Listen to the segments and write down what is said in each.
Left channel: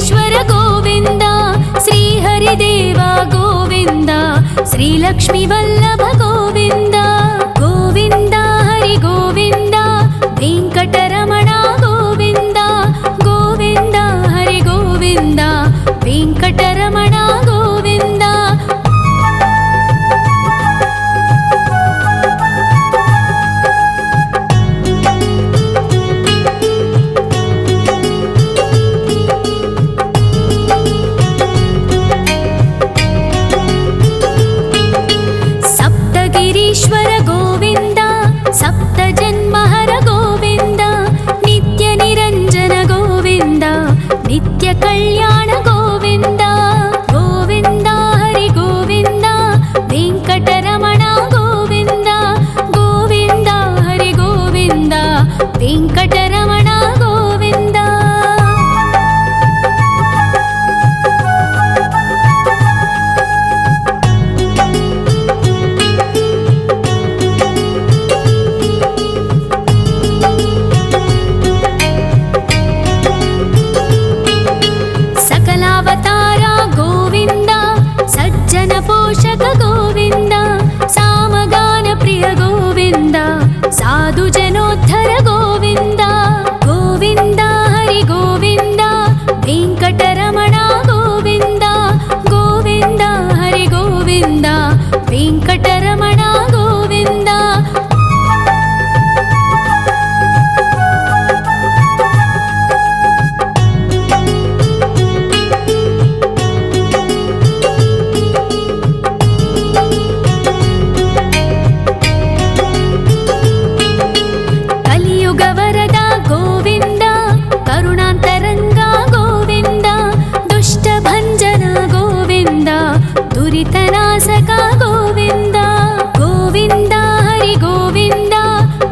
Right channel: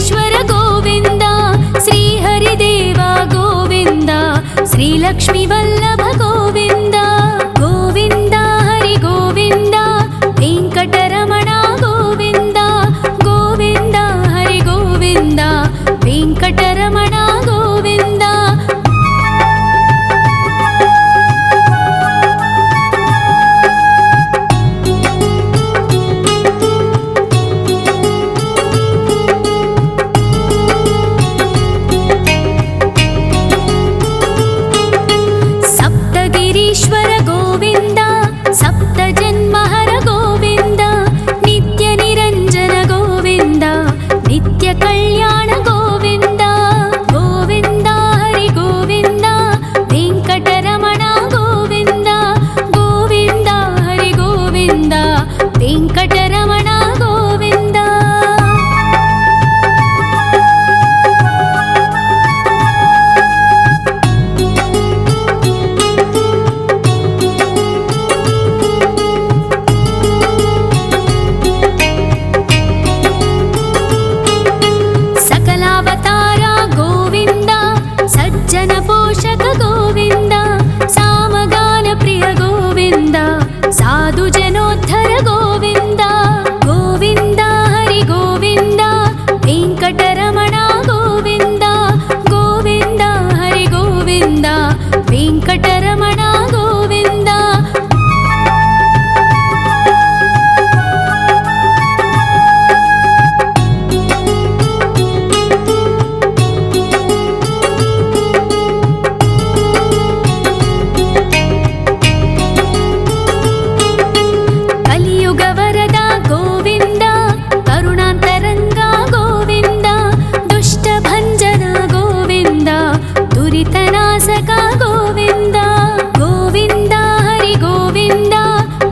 वेङ्कटेश्वर गोविन्द श्रीहरिदेव गोविन्द श्रीलक्ष्मीवल्लभ गोविन्द गोविन्द हरि गोविन्द वेङ्कटरमण गोविन्द गोविन्द हरि गोविन्द वेङ्कटरमण गोविन्द सप्तगिरीश्वर गोविन्द सप्तजन्महर गोविन्द नित्यनिरञ्जन गोविन्द नित्यकल्याण गोविन्द गोविन्द हरि गोविन्द वेङ्कटरमण गोविन्द गोविन्द हरि गोविन्द वेङ्कटरमण गोविन्द सकलावतार गोविन्द सज्जन पोषक गोविन्द सामगान प्रिय गोविन्द साधु जनोद्धर गोविन्द गोविन्द हरि गोविन्द वेङ्कटरमण गोविन्द गोविन्द हरि गोविन्द वेङ्कटरमण गोविन्द कलियुग वरद गोविन्द करुणान्तरङ्ग गोविन्द दुष्टभञ्जन गोविन्द दुरितनाशक गोविन्द गोविन्द हरि गोविन्द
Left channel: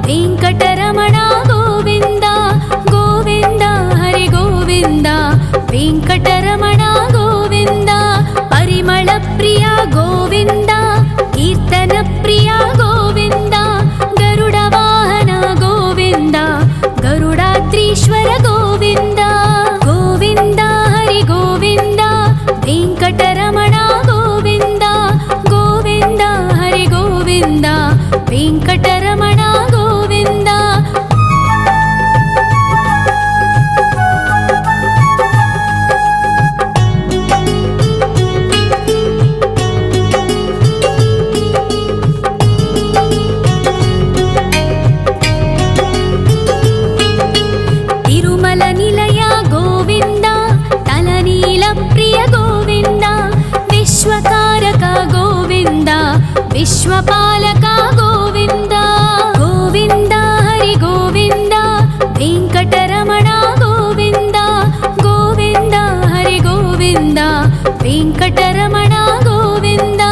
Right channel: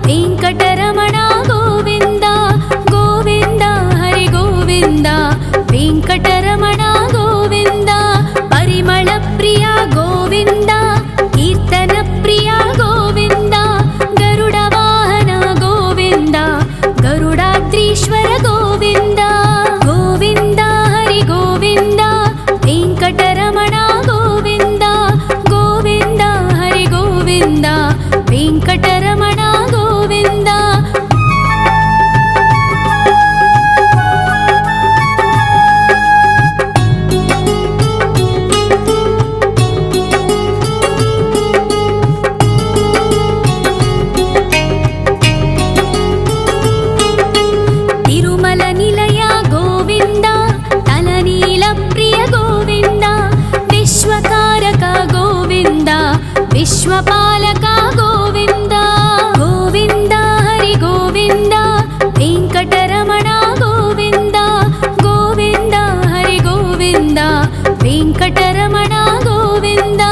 वेङ्कटरमण गोविन्द गोविन्द हरि गोविन्द वेङ्कटरमण गोविन्द परिमल प्रिय गोविन्द कीर्तन प्रिय गोविन्द गरुड वाहन गोविन्द गरुडाद्रीश्वर गोविन्द गोविन्द हरि गोविन्द वेङ्कटरमण गोविन्द गोविन्द हरि गोविन्द वेङ्कटरमण गोविन्द तिरुमल निलय गोविन्द तलनील प्रिय गोविन्द विश्वकारक गोविन्द विश्वपालक गोविन्द गोविन्द हरि गोविन्द वेङ्कटरमण गोविन्द गोविन्द हरि गोविन्द वेङ्कटरमण गोविन्द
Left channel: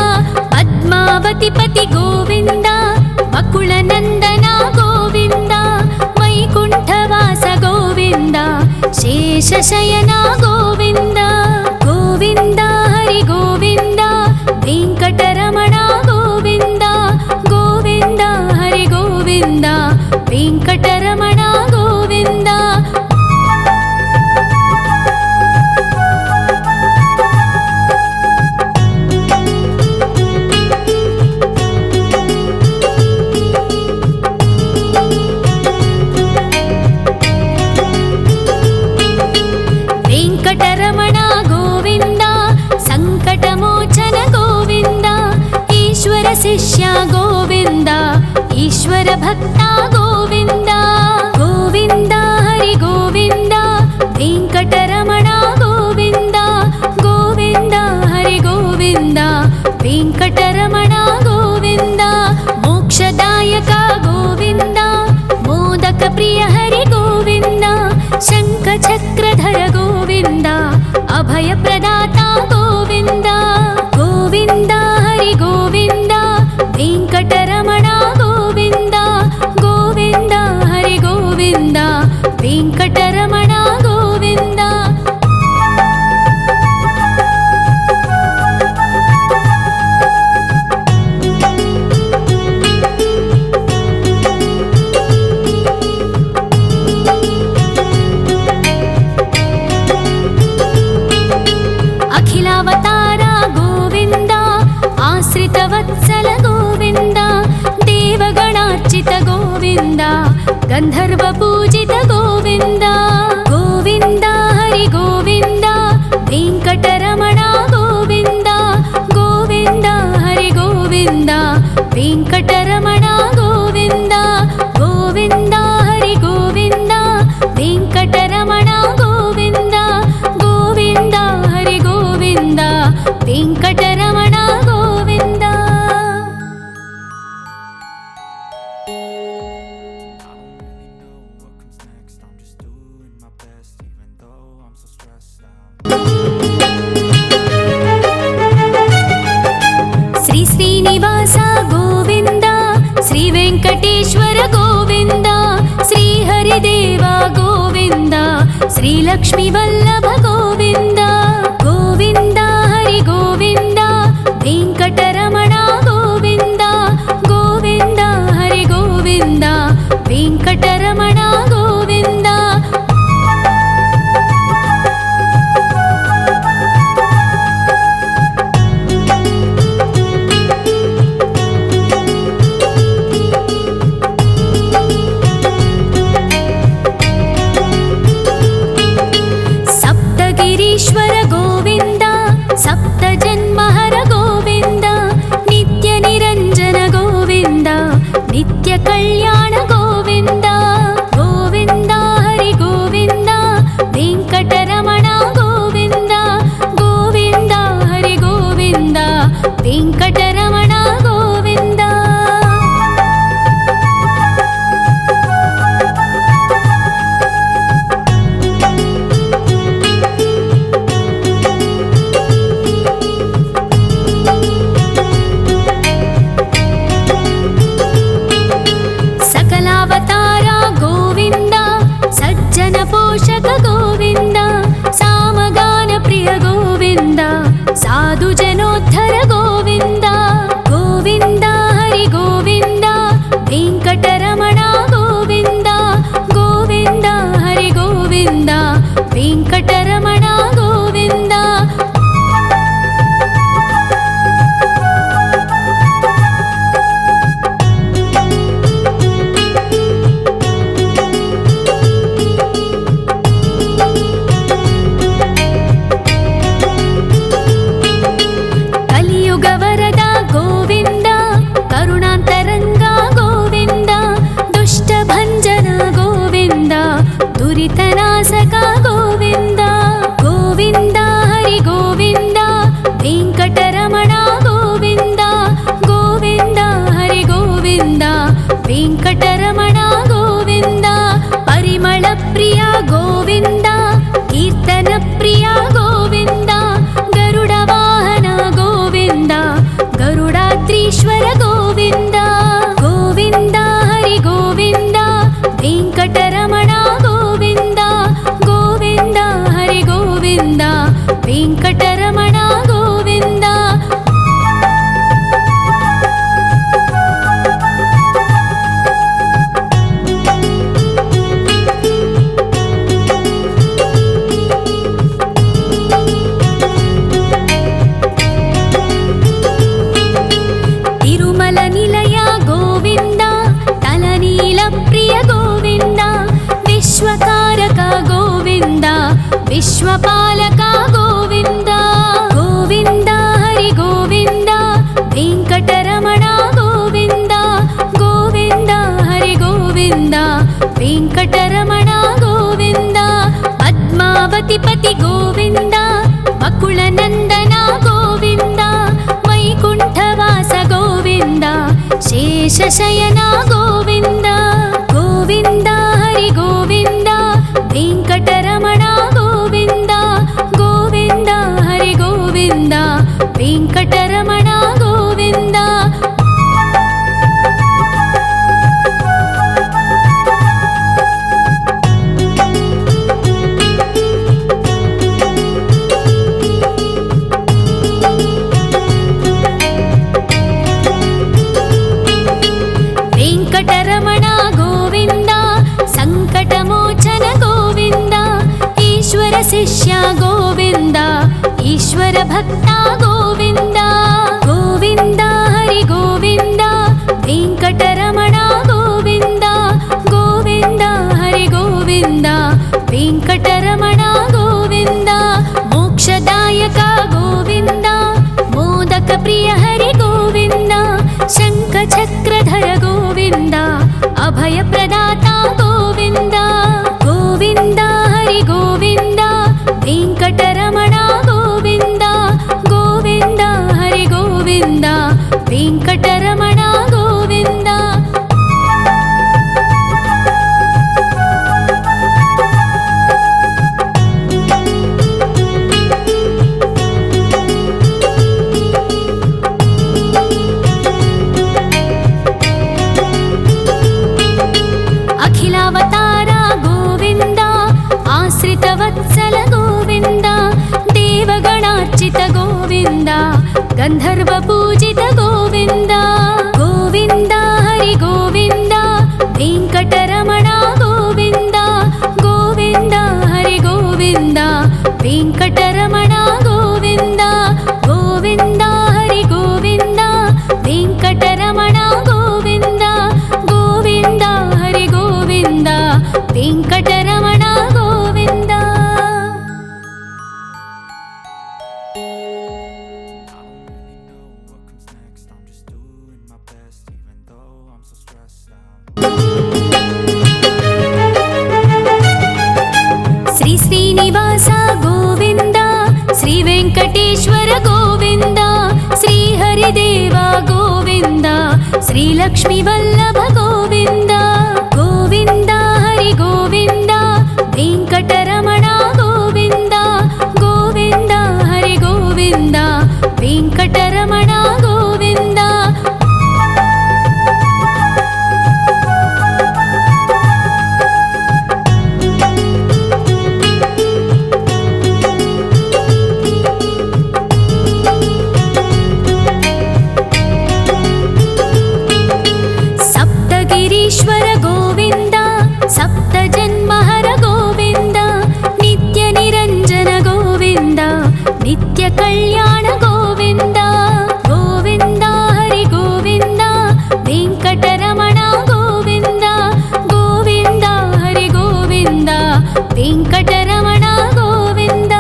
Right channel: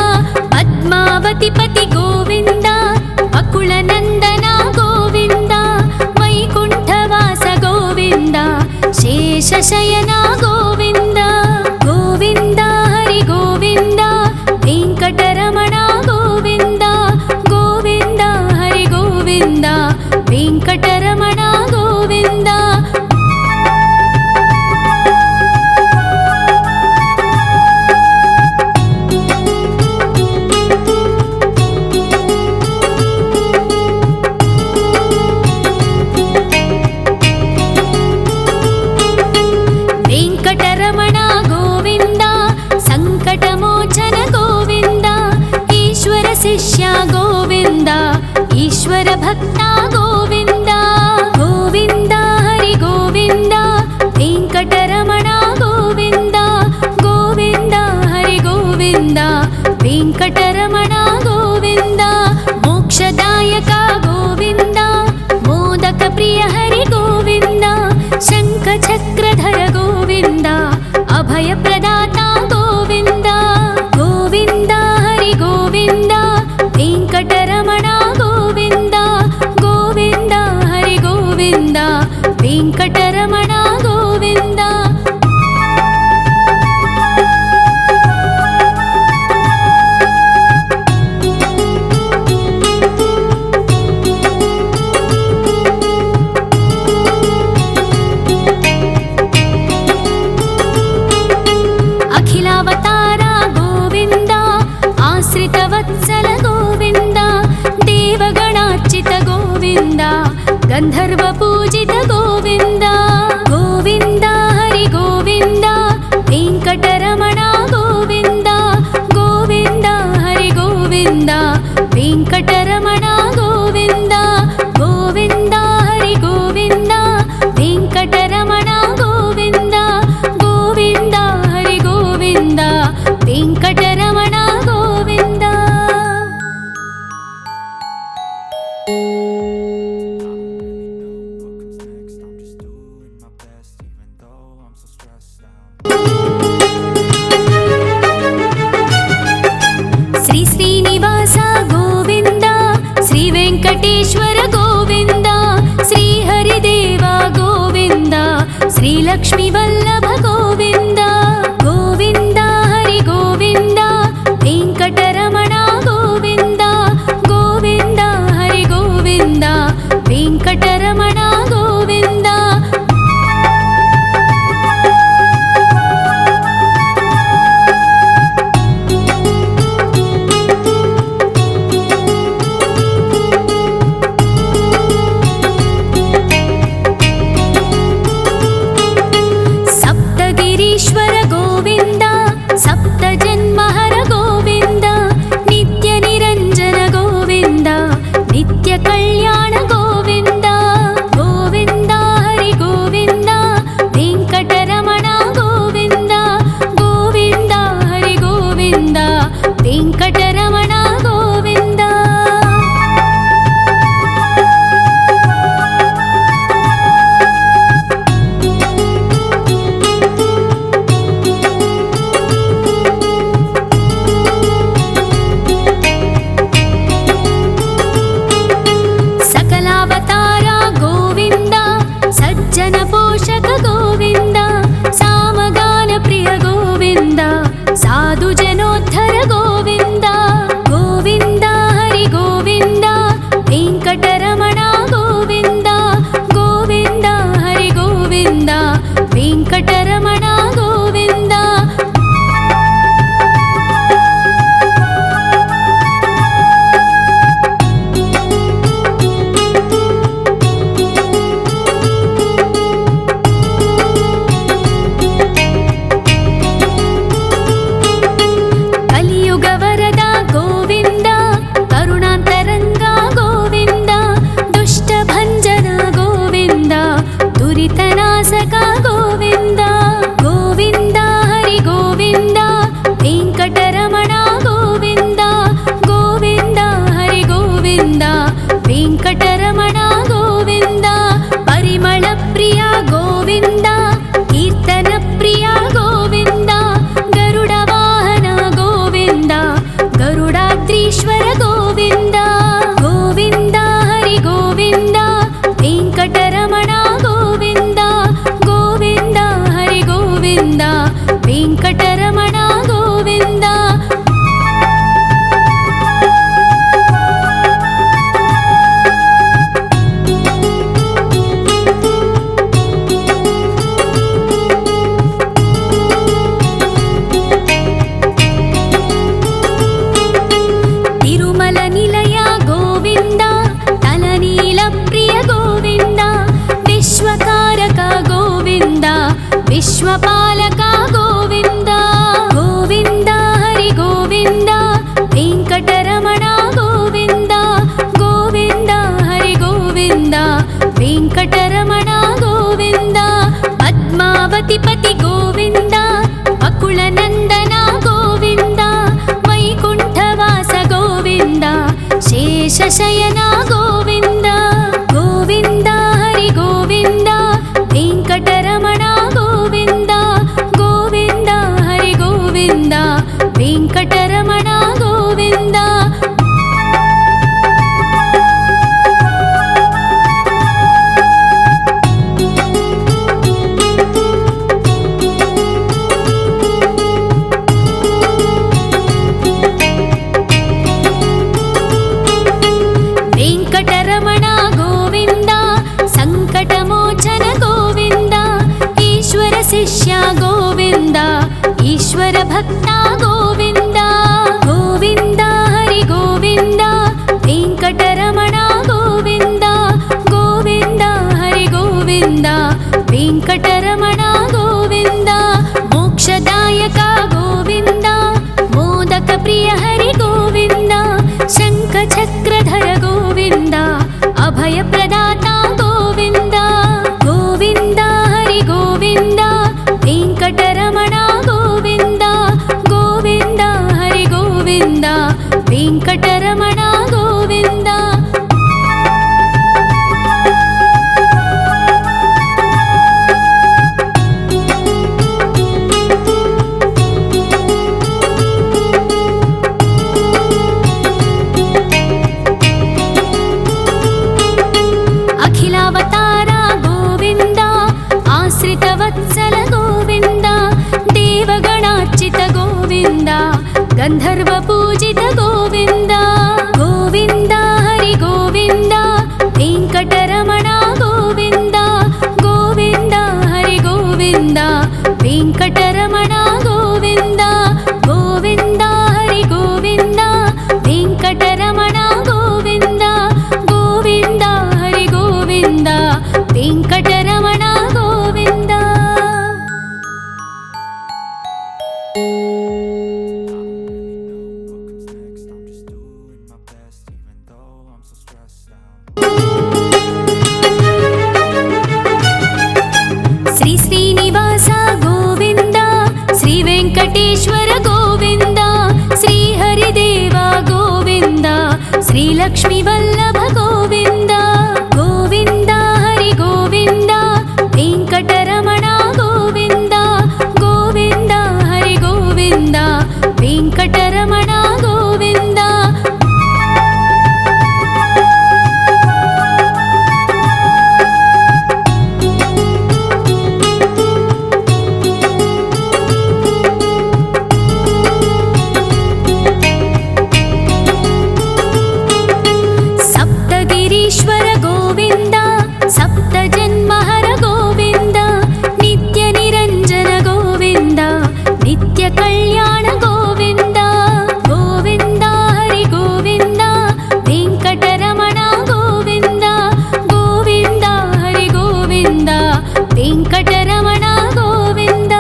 पद्मावति पति गोविन्द बकुलनन्दन गोविन्द वैकुण्ठवास गोविन्द शेषशयन गोविन्द गोविन्द हरि गोविन्द वेङ्कटरमण गोविन्द गोविन्द हरि गोविन्द वेङ्कटरमण गोविन्द वेङ्कटरमण गोविन्द सङ्कटमोचन गोविन्द ईश्वर शिष्य गोविन्द ईश्वर भक्त गोविन्द गोविन्द हरि गोविन्द वेङ्कटरमण गोविन्द गोविन्द हरि गोविन्द वेङ्कटरमण गोविन्द मोक्षदायक गोविन्द मोदक प्रिय हरि गोविन्द शङ्खचक्रधर गोविन्द अभयप्रदाता गोविन्द गोविन्द हरि गोविन्द वेङ्कटरमण गोविन्द गोविन्द हरि गोविन्द वेङ्कटरमण गोविन्द देवगणार्चित गोविन्द गन्धर्वपूजित गोविन्द गोविन्द हरि गोविन्द वेङ्कटरमण गोविन्द गोविन्द हरि गोविन्द वेङ्कटरमण गोविन्द गोविन्द हरि गोविन्द वेङ्कटरमण गोविन्द गोविन्द हरि गोविन्द वेङ्कटरमण गोविन्द। श्री श्रीनिवास गोविन्द श्री वेङ्कटेश्वर गोविन्द श्री हरिदेव गोविन्द श्री लक्ष्मीवल्लभ गोविन्द गोविन्द हरि गोविन्द वेङ्कटरमण गोविन्द गोविन्द हरि गोविन्द वेङ्कटरमण गोविन्द। सप्तगिरीश्वर गोविन्द सप्तजन्महर गोविन्द नित्यनिरञ्जन गोविन्द नित्यकल्याण गोविन्द गोविन्द हरि गोविन्द वेङ्कटरमण गोविन्द गोविन्द हरि गोविन्द वेङ्कटरमण गोविन्द। सकलावतार गोविन्द सज्जन पोषक गोविन्द सामगान प्रिय गोविन्द साधु जनोद्धर गोविन्द गोविन्द हरि गोविन्द वेङ्कटरमण गोविन्द गोविन्द हरि गोविन्द वेङ्कटरमण गोविन्द। कलियुगवरद गोविन्द करुणान्तरङ्ग गोविन्द दुष्टभञ्जन गोविन्द दुरितनाशक गोविन्द गोविन्द हरि गोविन्द वेङ्कटरमण गोविन्द गोविन्द हरि गोविन्द वेङ्कटरमण गोविन्द। परिमलप्रिय गोविन्द कीर्तनप्रिय गोविन्द गरुडवाहन गोविन्द गरुडाद्रीश्वर गोविन्द गोविन्द हरि गोविन्द वेङ्कटरमण गोविन्द गोविन्द हरि गोविन्द वेङ्कटरमण गोविन्द। तिरुमल निलय गोविन्द तलनील प्रिय गोविन्द विश्वकारक गोविन्द विश्वपालक गोविन्द गोविन्द हरि गोविन्द वेङ्कटरमण गोविन्द गोविन्द हरि गोविन्द वेङ्कटरमण गोविन्द। पद्मावतिपति गोविन्द वकुलनन्दन गोविन्द वैकुण्ठवास गोविन्द शेषशयन गोविन्द गोविन्द हरि गोविन्द वेङ्कटरमण गोविन्द गोविन्द हरि गोविन्द वेङ्कटरमण गोविन्द। वेङ्कटरमण गोविन्द सङ्कटमोचन गोविन्द ईश्वर शिष्य गोविन्द ईश्वर भक्त गोविन्द गोविन्द हरि गोविन्द वेङ्कटरमण ವೆಂಕಟರಮಣ ಗೋವಿಂದ ಗೋವಿಂದ ಹರಿ ಗೋವಿಂದ ವೆಂಕಟರಮಣ ಗೋವಿಂದ ಮೋಕ್ಷದಾಯಕ ಗೋವಿಂದ ಮೋದಕ ಪ್ರಿಯ ಹರಿ ಗೋವಿಂದ ಶಂಖ ಚಕ್ರಧರ ಗೋವಿಂದ ಅಭಯ ಪ್ರದಾತ ಗೋವಿಂದ ಗೋವಿಂದ ಹರಿ ಗೋವಿಂದ ವೆಂಕಟರಮಣ ಗೋವಿಂದ ಗೋವಿಂದ ಹರಿ ಗೋವಿಂದ ವೆಂಕಟರಮಣ ಗೋವಿಂದ. ಅಖಿಲಾವತಾರ ಗೋವಿಂದ ಆಶ್ರಿತವತ್ಸಲ ಗೋವಿಂದ ದೇವಗಣಾರ್ಚಿತ ಗೋವಿಂದ ಗಂಧರ್ವ ಪೂಜಿತ ಗೋವಿಂದ ಗೋವಿಂದ ಹರಿ ಗೋವಿಂದ ವೆಂಕಟರಮಣ ಗೋವಿಂದ ಗೋವಿಂದ ಹರಿ ಗೋವಿಂದ ವೆಂಕಟರಮಣ ಗೋವಿಂದ ಗೋವಿಂದ ಹರಿ ಗೋವಿಂದ ವೆಂಕಟರಮಣ ಗೋವಿಂದ ಗೋವಿಂದ ಹರಿ ಗೋವಿಂದ ವೆಂಕಟರಮಣ ಗೋವಿಂದ. ಶ್ರೀ ಶ್ರೀನಿವಾಸ ಗೋವಿಂದ ಶ್ರೀ ವೆಂಕಟೇಶ್ವರ ಗೋವಿಂದ ಶ್ರೀ ಹರಿದೇವ ಗೋವಿಂದ ಶ್ರೀ ಲಕ್ಷ್ಮೀ ವಲ್ಲಭ ಗೋವಿಂದ ಗೋವಿಂದ ಹರಿ ಗೋವಿಂದ ವೆಂಕಟರಮಣ ಗೋವಿಂದ ಗೋವಿಂದ ಹರಿ ಗೋವಿಂದ ವೆಂಕಟರಮಣ ಗೋವಿಂದ. ಸಪ್ತಗಿರೀಶ್ವರ ಗೋವಿಂದ ಸಪ್ತ ಜನ್ಮಹರ ಗೋವಿಂದ ನಿತ್ಯ ನಿರಂಜನ ಗೋವಿಂದ ನಿತ್ಯ ಕಲ್ಯಾಣ ಗೋವಿಂದ ಗೋವಿಂದ ಹರಿ ಗೋವಿಂದ ವೆಂಕಟರಮಣ ಗೋವಿಂದ ಗೋವಿಂದ ಹರಿ ಗೋವಿಂದ ವೆಂಕಟರಮಣ ಗೋವಿಂದ.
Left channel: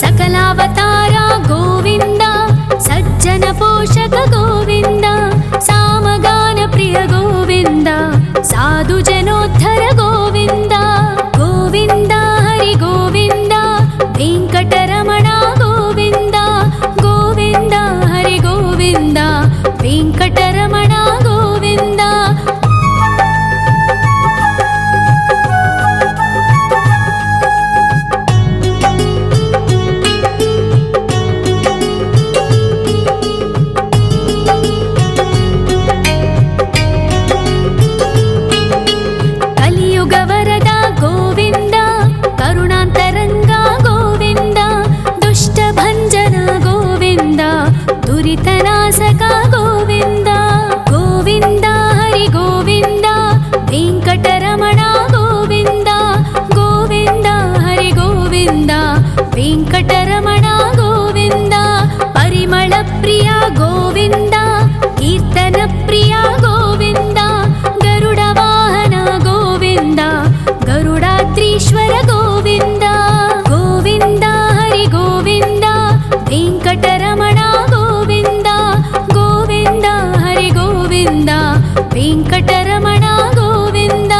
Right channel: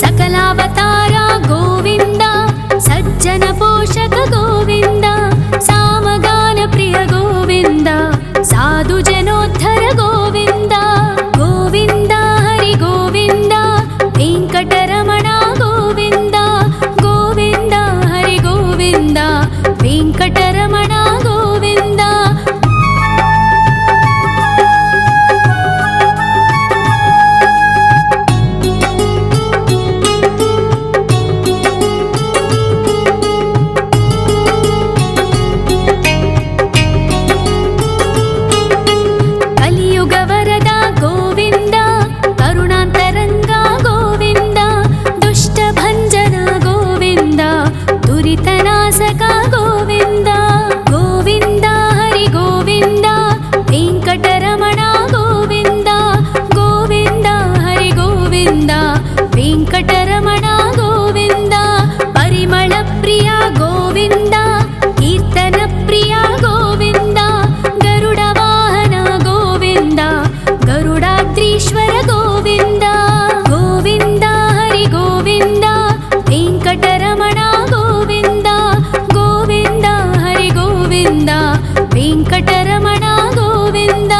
ಸಕಲಾವತಾರ ಗೋವಿಂದ ಸಜ್ಜನ ಪೋಷಕ ಗೋವಿಂದ ಸಾಮಗಾನ ಪ್ರಿಯ ಗೋವಿಂದ ಸಾಧು ಜನೋದ್ಧರ ಗೋವಿಂದ ಗೋವಿಂದ ಹರಿ ಗೋವಿಂದ ವೆಂಕಟರಮಣ ಗೋವಿಂದ ಗೋವಿಂದ ಹರಿ ಗೋವಿಂದ ವೆಂಕಟರಮಣ ಗೋವಿಂದ. ಕಲಿಯುಗ ವರದ ಗೋವಿಂದ ಕರುಣಾಂತರಂಗ ಗೋವಿಂದ ದುಷ್ಟ ಭಂಜನ ಗೋವಿಂದ ದುರಿತನಾಶಕ ಗೋವಿಂದ ಗೋವಿಂದ ಹರಿ ಗೋವಿಂದ ವೆಂಕಟರಮಣ ಗೋವಿಂದ ಗೋವಿಂದ ಹರಿ ಗೋವಿಂದ ವೆಂಕಟರಮಣ ಗೋವಿಂದ. ಪರಿಮಳ ಪ್ರಿಯ ಗೋವಿಂದ ಕೀರ್ತನ ಪ್ರಿಯ ಗೋವಿಂದ ಗರುಡ ವಾಹನ ಗೋವಿಂದ ಗರುಡಾದ್ರೀಶ್ವರ ಗೋವಿಂದ ಗೋವಿಂದ ಹರಿ ಗೋವಿಂದ ವೆಂಕಟರಮಣ ಗೋವಿಂದ ಗೋವಿಂದ ಹರಿ ಗೋವಿಂದ ವೆಂಕಟರಮಣ ಗೋವಿಂದ.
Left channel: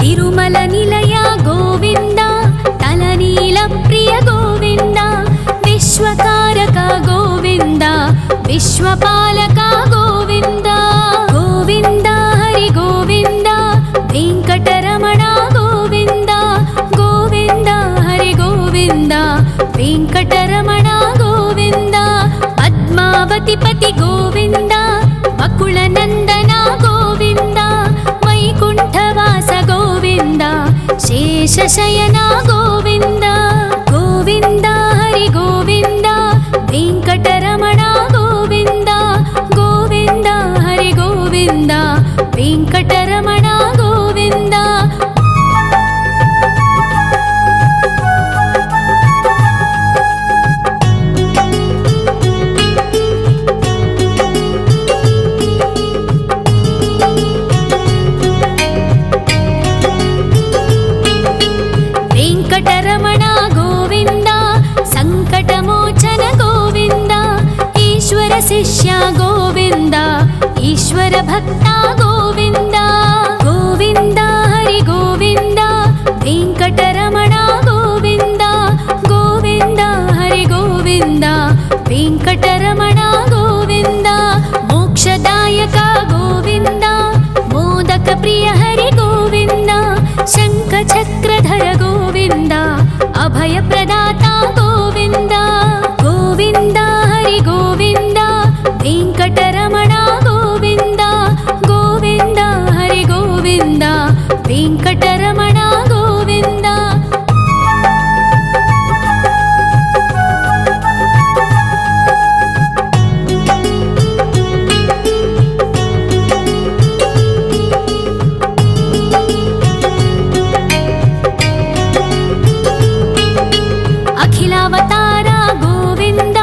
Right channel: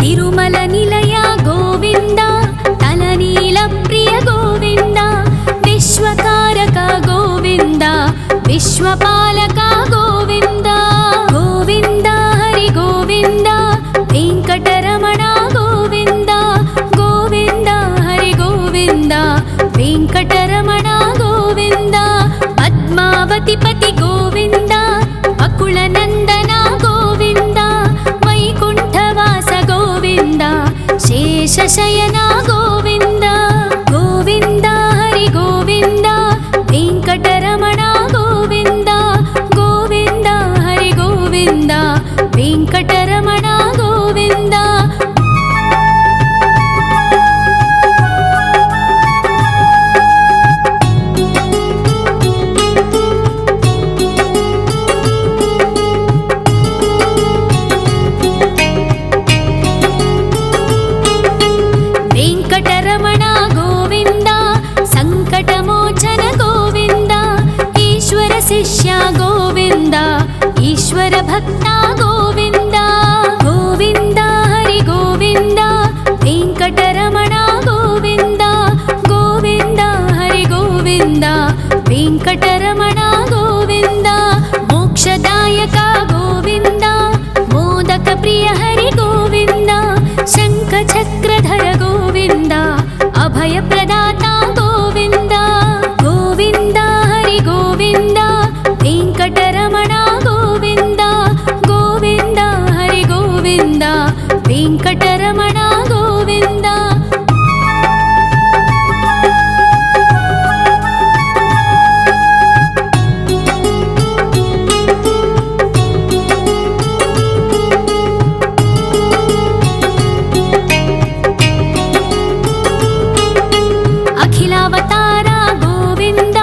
ತಿರುಮಲ ನಿಲಯ ಗೋವಿಂದ ತಲನೀಲ ಪ್ರಿಯ ಗೋವಿಂದ ವಿಶ್ವಕಾರಕ ಗೋವಿಂದ ವಿಶ್ವಪಾಲಕ ಗೋವಿಂದ ಗೋವಿಂದ ಹರಿ ಗೋವಿಂದ ವೆಂಕಟರಮಣ ಗೋವಿಂದ ಗೋವಿಂದ ಹರಿ ಗೋವಿಂದ ವೆಂಕಟರಮಣ ಗೋವಿಂದ. ಪದ್ಮ పద్మావతిపతి గోవింద అకుళనందన గోవింద వైకుంఠవాస గోవింద శేషశయన గోవింద గోవింద హరి గోవింద వెంకటరమణ గోవింద గోవింద హరి గోవింద వెంకటరమణ గోవింద వెంకటరమణ గోవింద సంకటమోచన గోవింద ఈశ్వర శిష్య గోవింద ఈశ్వర భక్త గోవింద గోవింద హరి గోవింద వెంకటరమణ గోవింద గోవింద హరి గోవింద వెంకటరమణ గోవింద మోక్షదాయక గోవింద మోదక ప్రియ హరి గోవింద శంఖ చక్రధర గోవింద అభయ ప్రదాత గోవింద గోవింద హరి గోవింద వెంకటరమణ గోవింద గోవింద హరి గోవింద వెంకటరమణ గోవింద అఖిలావతార గోవింద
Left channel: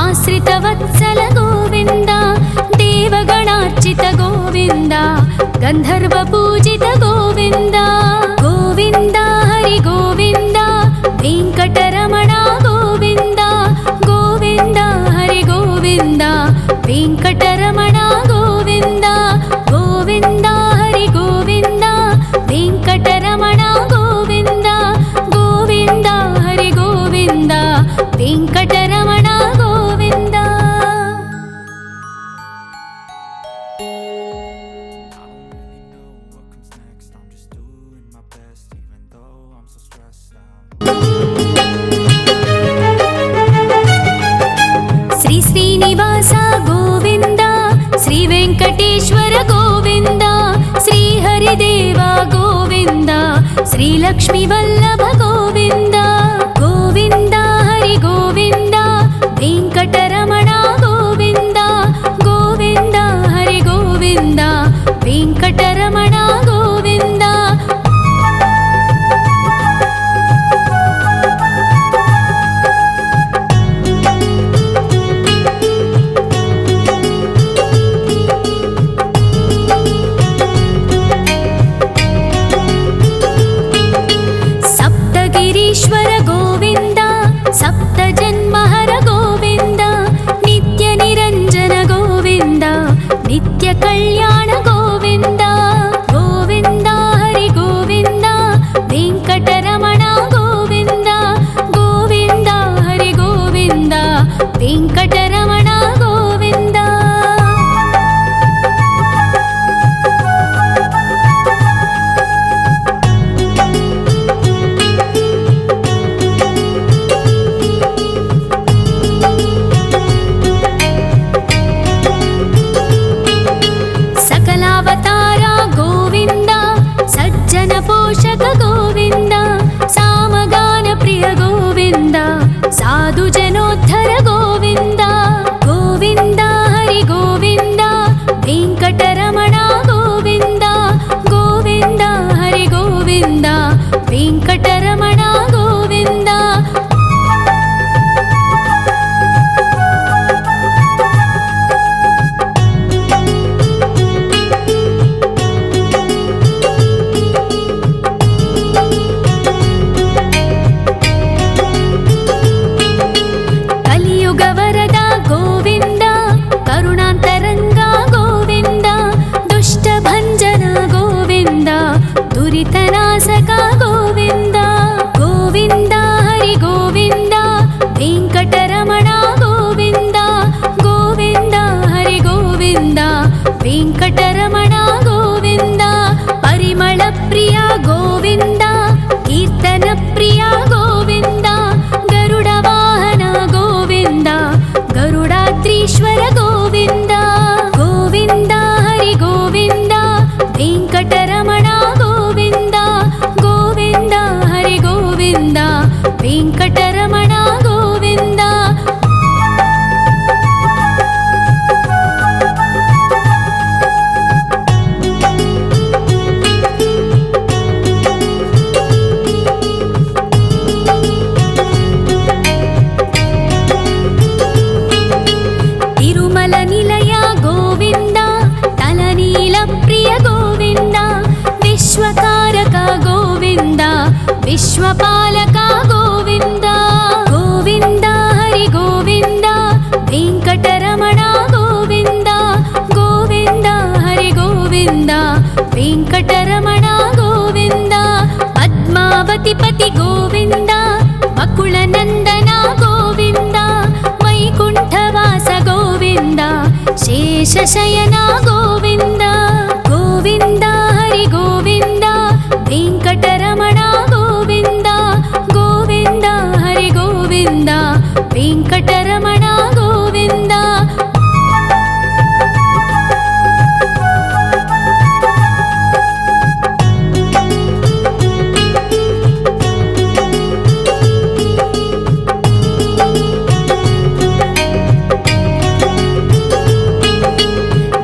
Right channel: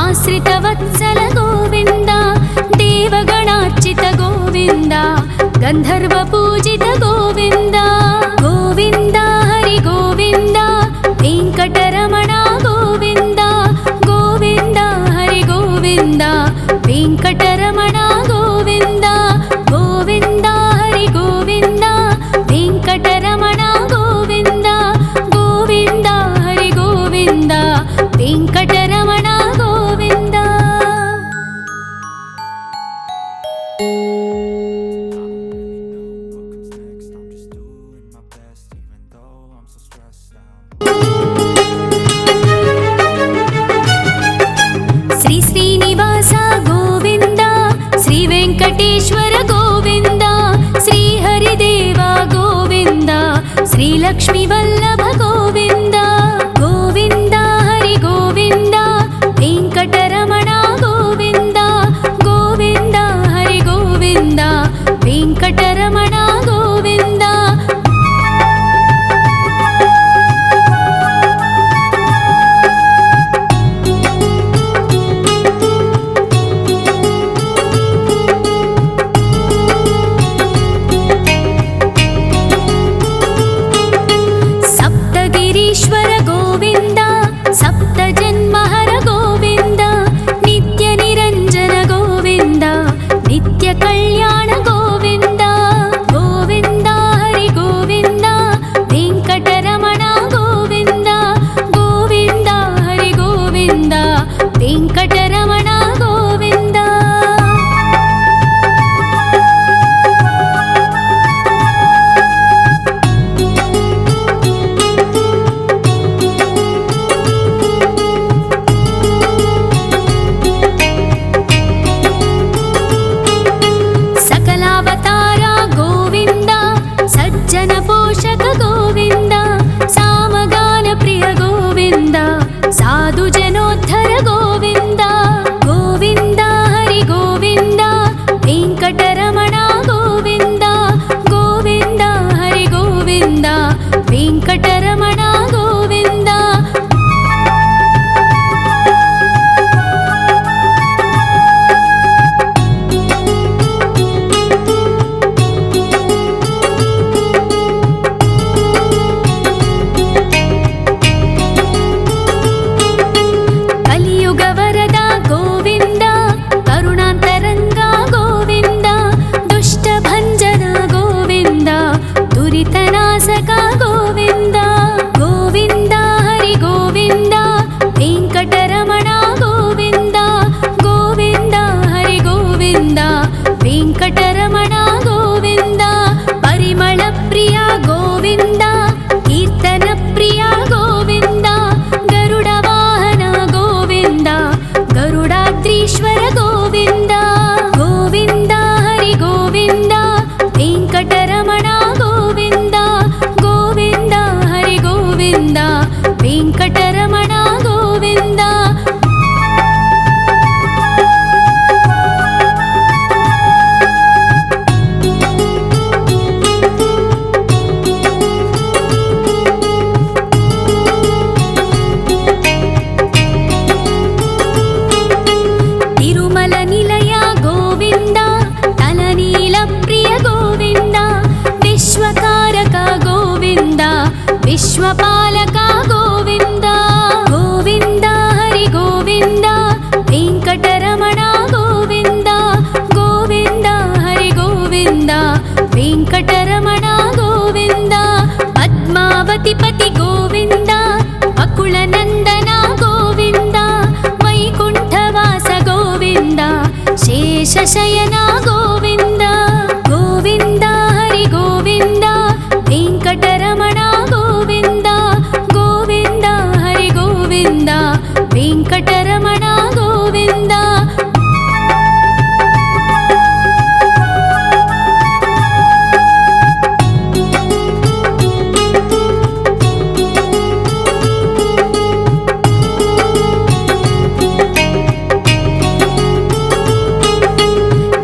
ఆశ్రితవత్సల గోవింద దేవగణార్చిత గోవింద గంధర్వ పూజిత గోవింద గోవింద హరి గోవింద వెంకటరమణ గోవింద గోవింద హరి గోవింద వెంకటరమణ గోవింద గోవింద హరి గోవింద వెంకటరమణ గోవింద గోవింద హరి గోవింద వెంకటరమణ గోవింద శ్రీ శ్రీనివాస గోవింద శ్రీ వెంకటేశ్వర గోవింద శ్రీ హరిదేవ గోవింద శ్రీ లక్ష్మీ వల్లభ గోవింద గోవింద హరి గోవింద వెంకటరమణ గోవింద గోవింద హరి గోవింద వెంకటరమణ గోవింద సప్తగిరీశ్వర గోవింద సప్త జన్మహర గోవింద నిత్య నిరంజన గోవింద నిత్య కళ్యాణ గోవింద గోవింద హరి గోవింద వెంకటరమణ గోవింద గోవింద హరి గోవింద వెంకటరమణ గోవింద సకలావతార గోవింద సజ్జన పోషక గోవింద సామగాన ప్రియ గోవింద సాధు జనోద్ధర గోవింద గోవింద హరి గోవింద వెంకటరమణ గోవింద గోవింద హరి గోవింద వెంకటరమణ గోవింద కలియుగ వరద గోవింద కరుణాంతరంగ గోవింద దుష్ట భంజన గోవింద దురితనాశక గోవింద గోవింద హరి గోవింద వెంకటరమణ గోవింద గోవింద హరి గోవింద వెంకటరమణ గోవింద పరిమళ ప్రియ గోవింద కీర్తన ప్రియ గోవింద గరుడ వాహన గోవింద గరుడాద్రి निर्मल निलय गोविन्द तलनील प्रिय गोविन्द विश्वकारक गोविन्द विश्वपालक गोविन्द गोविन्द हरि गोविन्द वेङ्कटरमण गोविन्द गोविन्द हरि गोविन्द वेङ्कटरमण गोविन्द पद्मावतिपति गोविन्द अकुलनन्दन गोविन्द वैकुण्ठवास गोविन्द शेषशयन गोविन्द गोविन्द हरि गोविन्द वेङ्कटरमण गोविन्द गोविन्द हरि गोविन्द वेङ्कटरमण गोविन्द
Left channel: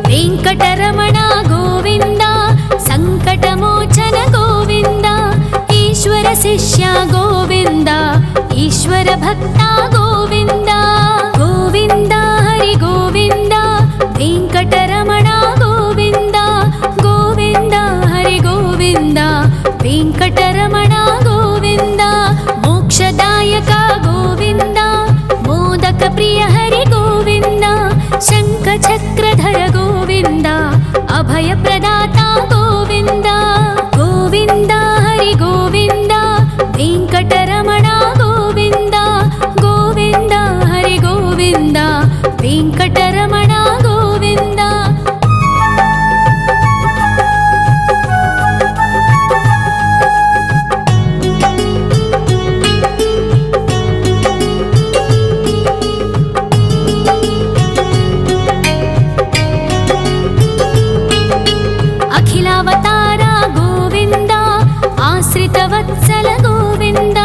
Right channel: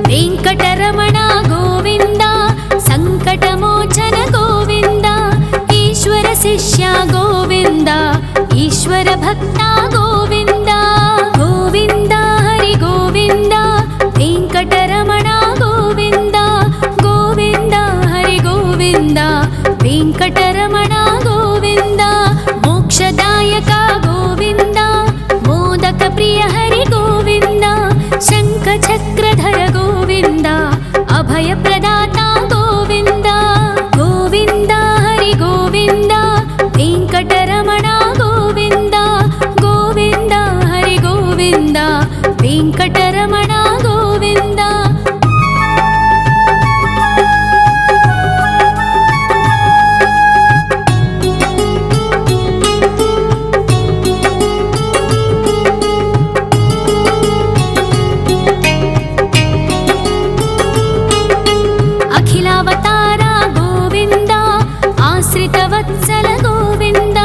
वेङ्कटरमण गोविन्द सङ्कटमोचन गोविन्द ईश्वर शिष्य गोविन्द ईश्वर भक्त गोविन्द गोविन्द हरि गोविन्द वेङ्कटरमण गोविन्द गोविन्द हरि गोविन्द वेङ्कटरमण गोविन्द मोक्षदायक गोविन्द मोदक प्रिय हरि गोविन्द शङ्खचक्रधर गोविन्द अभयप्रदाता गोविन्द गोविन्द हरि गोविन्द वेङ्कटरमण गोविन्द गोविन्द हरि गोविन्द वेङ्कटरमण गोविन्द अखिलावतार गोविन्द आश्रितवत्सल गोविन्द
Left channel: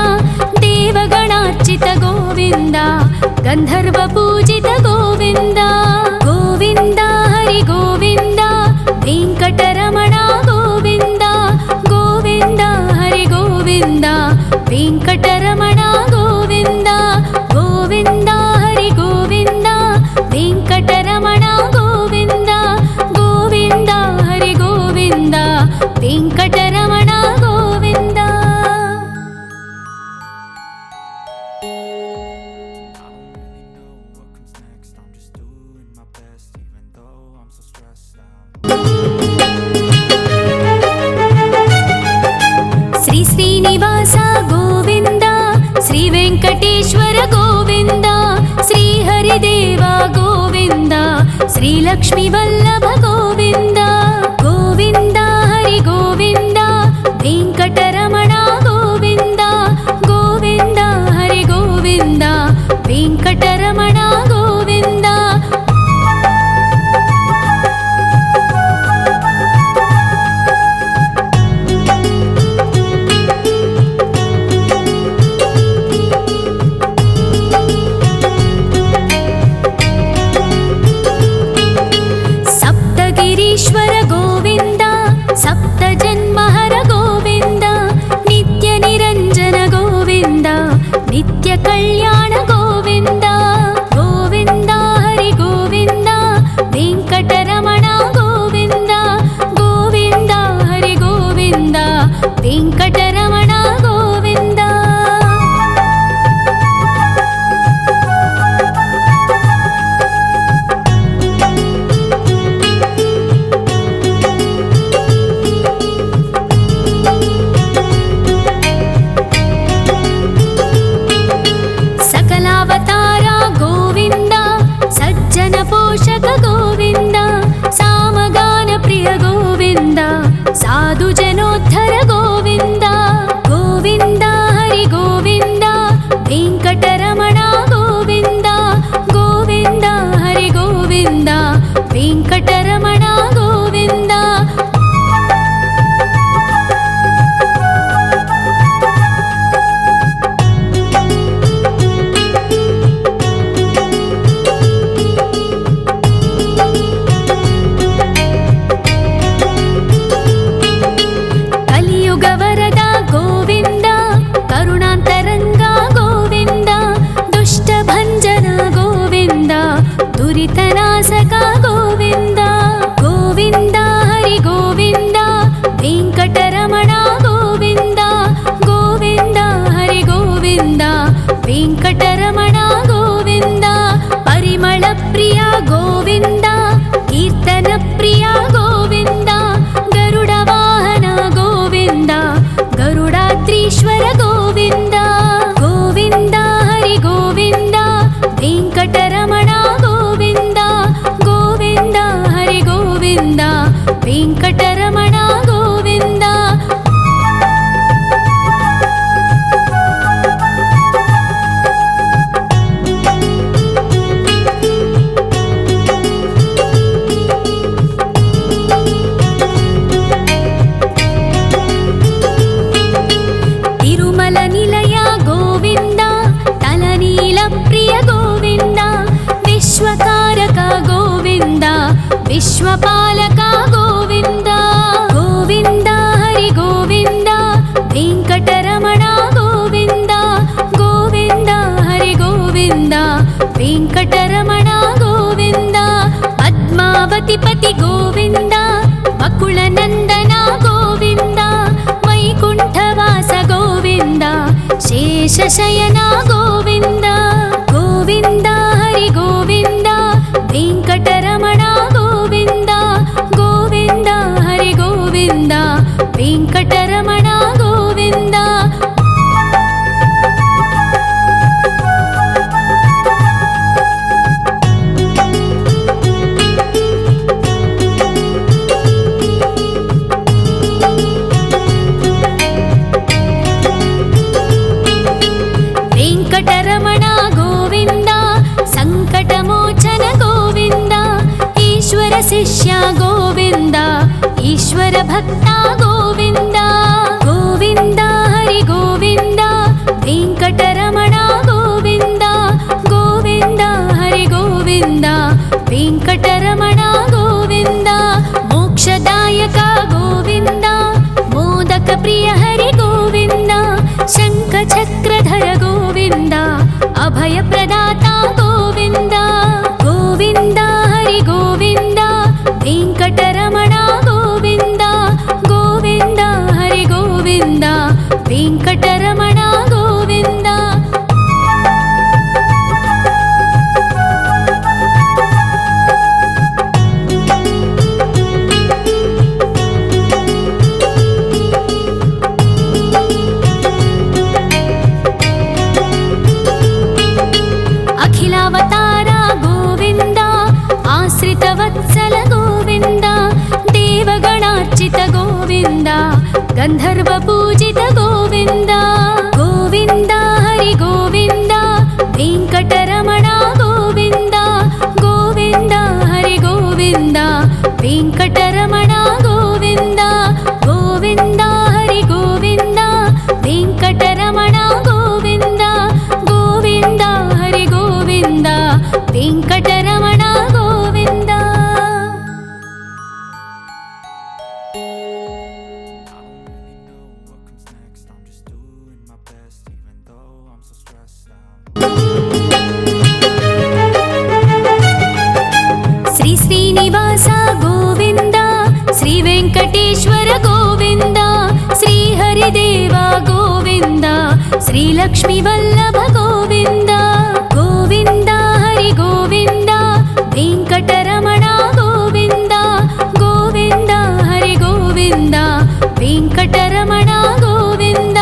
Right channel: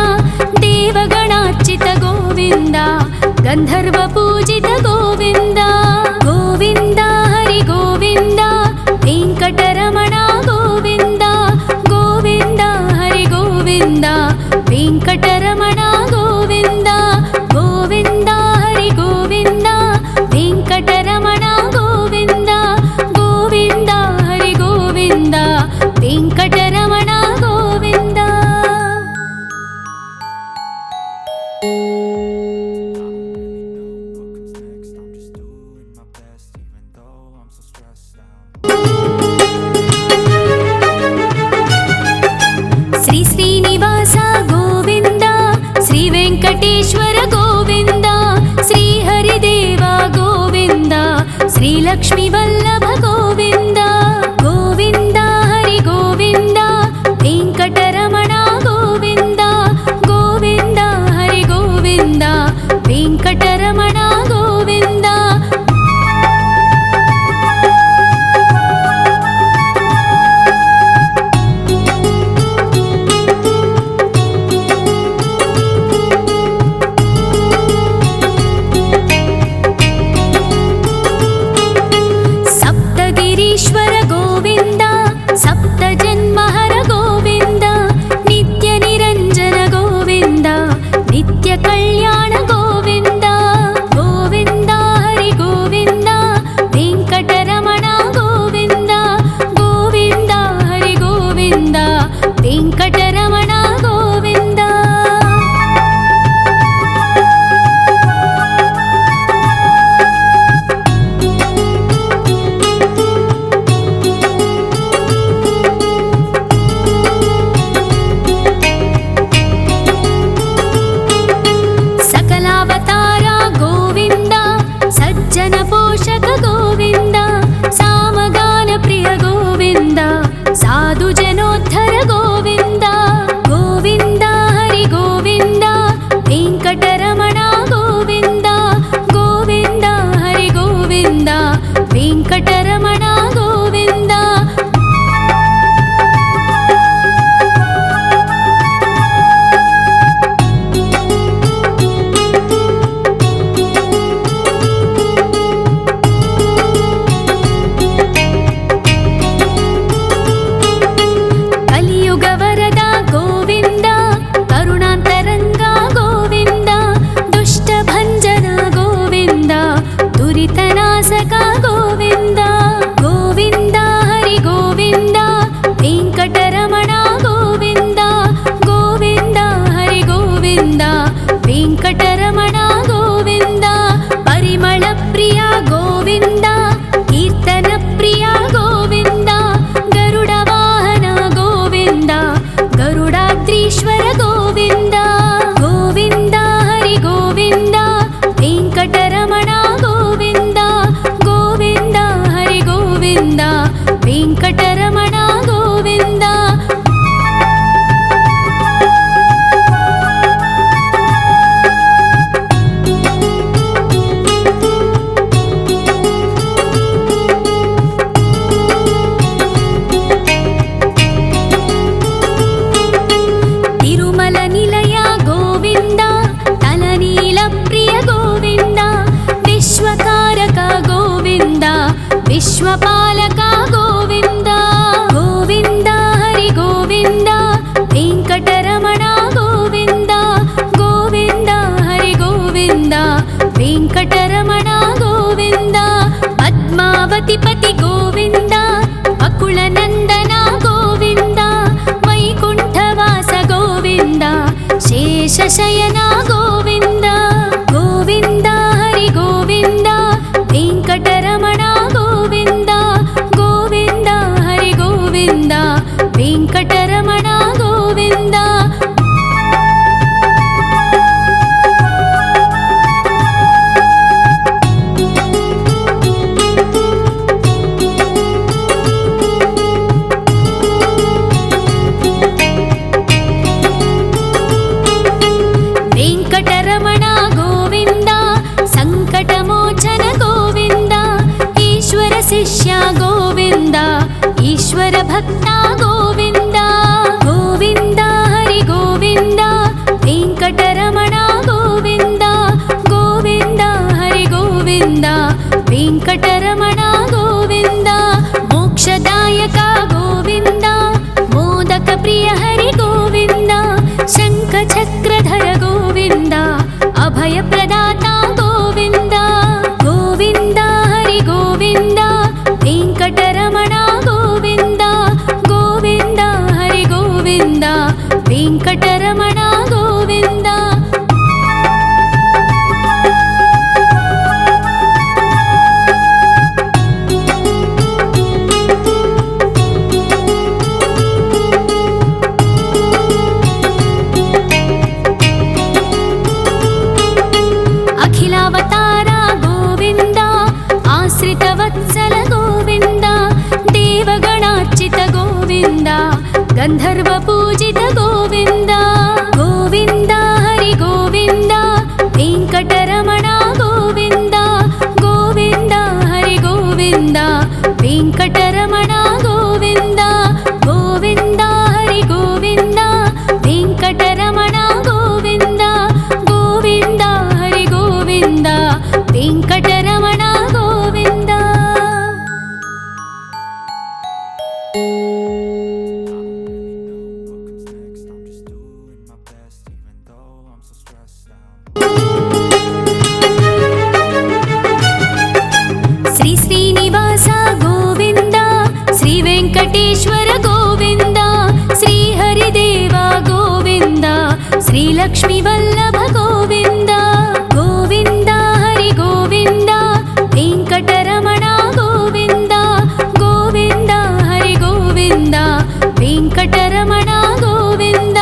देवगणार्चित गोविन्द गन्धर्वपूजित गोविन्द गोविन्द हरि गोविन्द वेङ्कटरमण गोविन्द गोविन्द हरि गोविन्द वेङ्कटरमण गोविन्द गोविन्द हरि गोविन्द वेङ्कटरमण गोविन्द गोविन्द हरि गोविन्द वेङ्कटरमण गोविन्द श्री श्रीनिवास गोविन्द श्री वेङ्कटेश्वर गोविन्द श्री हरिदेव गोविन्द श्री लक्ष्मीवल्लभ गोविन्द गोविन्द हरि गोविन्द वेङ्कटरमण गोविन्द गोविन्द हरि गोविन्द वेङ्कटरमण गोविन्द सप्तगिरीश्वर गोविन्द सप्तजन्महर गोविन्द नित्यनिरञ्जन गोविन्द नित्यकल्याण गोविन्द गोविन्द हरि गोविन्द वेङ्कटरमण गोविन्द गोविन्द हरि गोविन्द वेङ्कटरमण गोविन्द सकलावतार गोविन्द सज्जन पोषक गोविन्द सामगान प्रिय गोविन्द साधु जनोद्धर गोविन्द गोविन्द हरि गोविन्द वेङ्कटरमण गोविन्द गोविन्द हरि गोविन्द वेङ्कटरमण गोविन्द कलियुगवरद गोविन्द करुणान्तरङ्ग गोविन्द दुष्टभञ्जन गोविन्द दुरितनाश ಶ್ರೀನಿವಾಸಕ ಗೋವಿಂದ ಗೋವಿಂದ ಹರಿ ಗೋವಿಂದ ವೆಂಕಟರಮಣ ಗೋವಿಂದ ಗೋವಿಂದ ಹರಿ ಗೋವಿಂದ ವೆಂಕಟರಮಣ ಗೋವಿಂದ ಪರಿಮಳ ಪ್ರಿಯ ಗೋವಿಂದ ಕೀರ್ತನ ಪ್ರಿಯ ಗೋವಿಂದ ಗರುಡ ವಾಹನ ಗೋವಿಂದ ಗರುಡಾದ್ರೀಶ್ವರ ಗೋವಿಂದ ಗೋವಿಂದ ಹರಿ ಗೋವಿಂದ ವೆಂಕಟರಮಣ ಗೋವಿಂದ ಗೋವಿಂದ ಹರಿ ಗೋವಿಂದ ವೆಂಕಟರಮಣ ಗೋವಿಂದ ತಿರುಮಲ ನಿಲಯ ಗೋವಿಂದ ತಲನೀಲ ಪ್ರಿಯ ಗೋವಿಂದ ವಿಶ್ವಕಾರಕ ಗೋವಿಂದ ವಿಶ್ವಪಾಲಕ ಗೋವಿಂದ ಗೋವಿಂದ ಹರಿ ಗೋವಿಂದ ವೆಂಕಟರಮಣ ಗೋವಿಂದ ಗೋವಿಂದ ಹರಿ ಗೋವಿಂದ ವೆಂಕಟರಮಣ ಗೋವಿಂದ ಪದ್ಮಾವತಿ ಪತಿ ಗೋವಿಂದ ಅಕುಳ ನಂದನ ಗೋವಿಂದ ವೈಕುಂಠವಾಸ ಗೋವಿಂದ ಶೇಷಶಯನ ಗೋವಿಂದ ಗೋವಿಂದ ಹರಿ ಗೋವಿಂದ ವೆಂಕಟರಮಣ ಗೋವಿಂದ ಗೋವಿಂದ ಹರಿ ಗೋವಿಂದ ವೆಂಕಟರಮಣ ಗೋವಿಂದ ವೆಂಕಟರಮಣ ಗೋವಿಂದ ಸಂಕಟಮೋಚನ ಗೋವಿಂದ ಈಶ್ವರ ಶಿಷ್ಯ ಗೋವಿಂದ ಈಶ್ವರ ಭಕ್ತ ಗೋವಿಂದ ಗೋವಿಂದ ಹರಿ ಗೋವಿಂದ ವೆಂಕಟರಮಣ ಗೋವಿಂದ ಗೋವಿಂದ ಹರಿ ಗೋವಿಂದ ವೆಂಕಟರಮಣ ಗೋವಿಂದ ಮೋಕ್ಷದಾಯಕ ಗೋವಿಂದ ಮೋದಕ ಪ್ರಿಯ ಹರಿ ಗೋವಿಂದ ಶಂಖ ಚಕ್ರಧರ ಗೋವಿಂದ ಅಭಯ ಪ್ರದಾತ ಗೋವಿಂದ ಗೋವಿಂದ ಹರಿ ಗೋವಿಂದ ವೆಂಕಟರಮಣ ಗೋವಿಂದ ಗೋವಿಂದ ಹರಿ ಗೋವಿಂದ ವೆಂಕಟರಮಣ ಗೋವಿಂದ ಅಖಿಲಾವತಾರ ಗೋವಿಂದ ಆಶ್ರಿತ ವತ್ಸಲ ಗೋವಿಂದ ದೇವಗಣಾರ್ಚಿತ ಗೋವಿಂದ ಗಂಧರ್ವ ಪೂಜಿತ ಗೋವಿಂದ ಗೋವಿಂದ ಹರಿ ಗೋವಿಂದ ವೆಂಕಟರಮಣ ಗೋವಿಂದ ಗೋವಿಂದ ಹರಿ ಗೋವಿಂದ ವೆಂಕಟರಮಣ ಗೋವಿಂದ ಗೋವಿಂದ ಹರಿ ಗೋವಿಂದ ವೆಂಕಟರಮಣ ಗೋವಿಂದ ಗೋವಿಂದ ಹರಿ ಗೋವಿಂದ ವೆಂಕಟರಮಣ ಗೋವಿಂದ ಶ್ರೀ ಶ್ರೀನಿವಾಸ ಗೋವಿಂದ ಶ್ರೀ ವೆಂಕಟೇಶ್ವರ ಗೋವಿಂದ ಶ್ರೀ ಹರಿದೇವ ಗೋವಿಂದ ಶ್ರೀ ಲಕ್ಷ್ಮೀ ವಲ್ಲಭ ಗೋವಿಂದ ಗೋವಿಂದ ಹರಿ ಗೋವಿಂದ ವೆಂಕಟರಮಣ ಗೋವಿಂದ ಗೋವಿಂದ ಹರಿ ಗೋವಿಂದ ವೆಂಕಟರಮಣ ಗೋವಿಂದ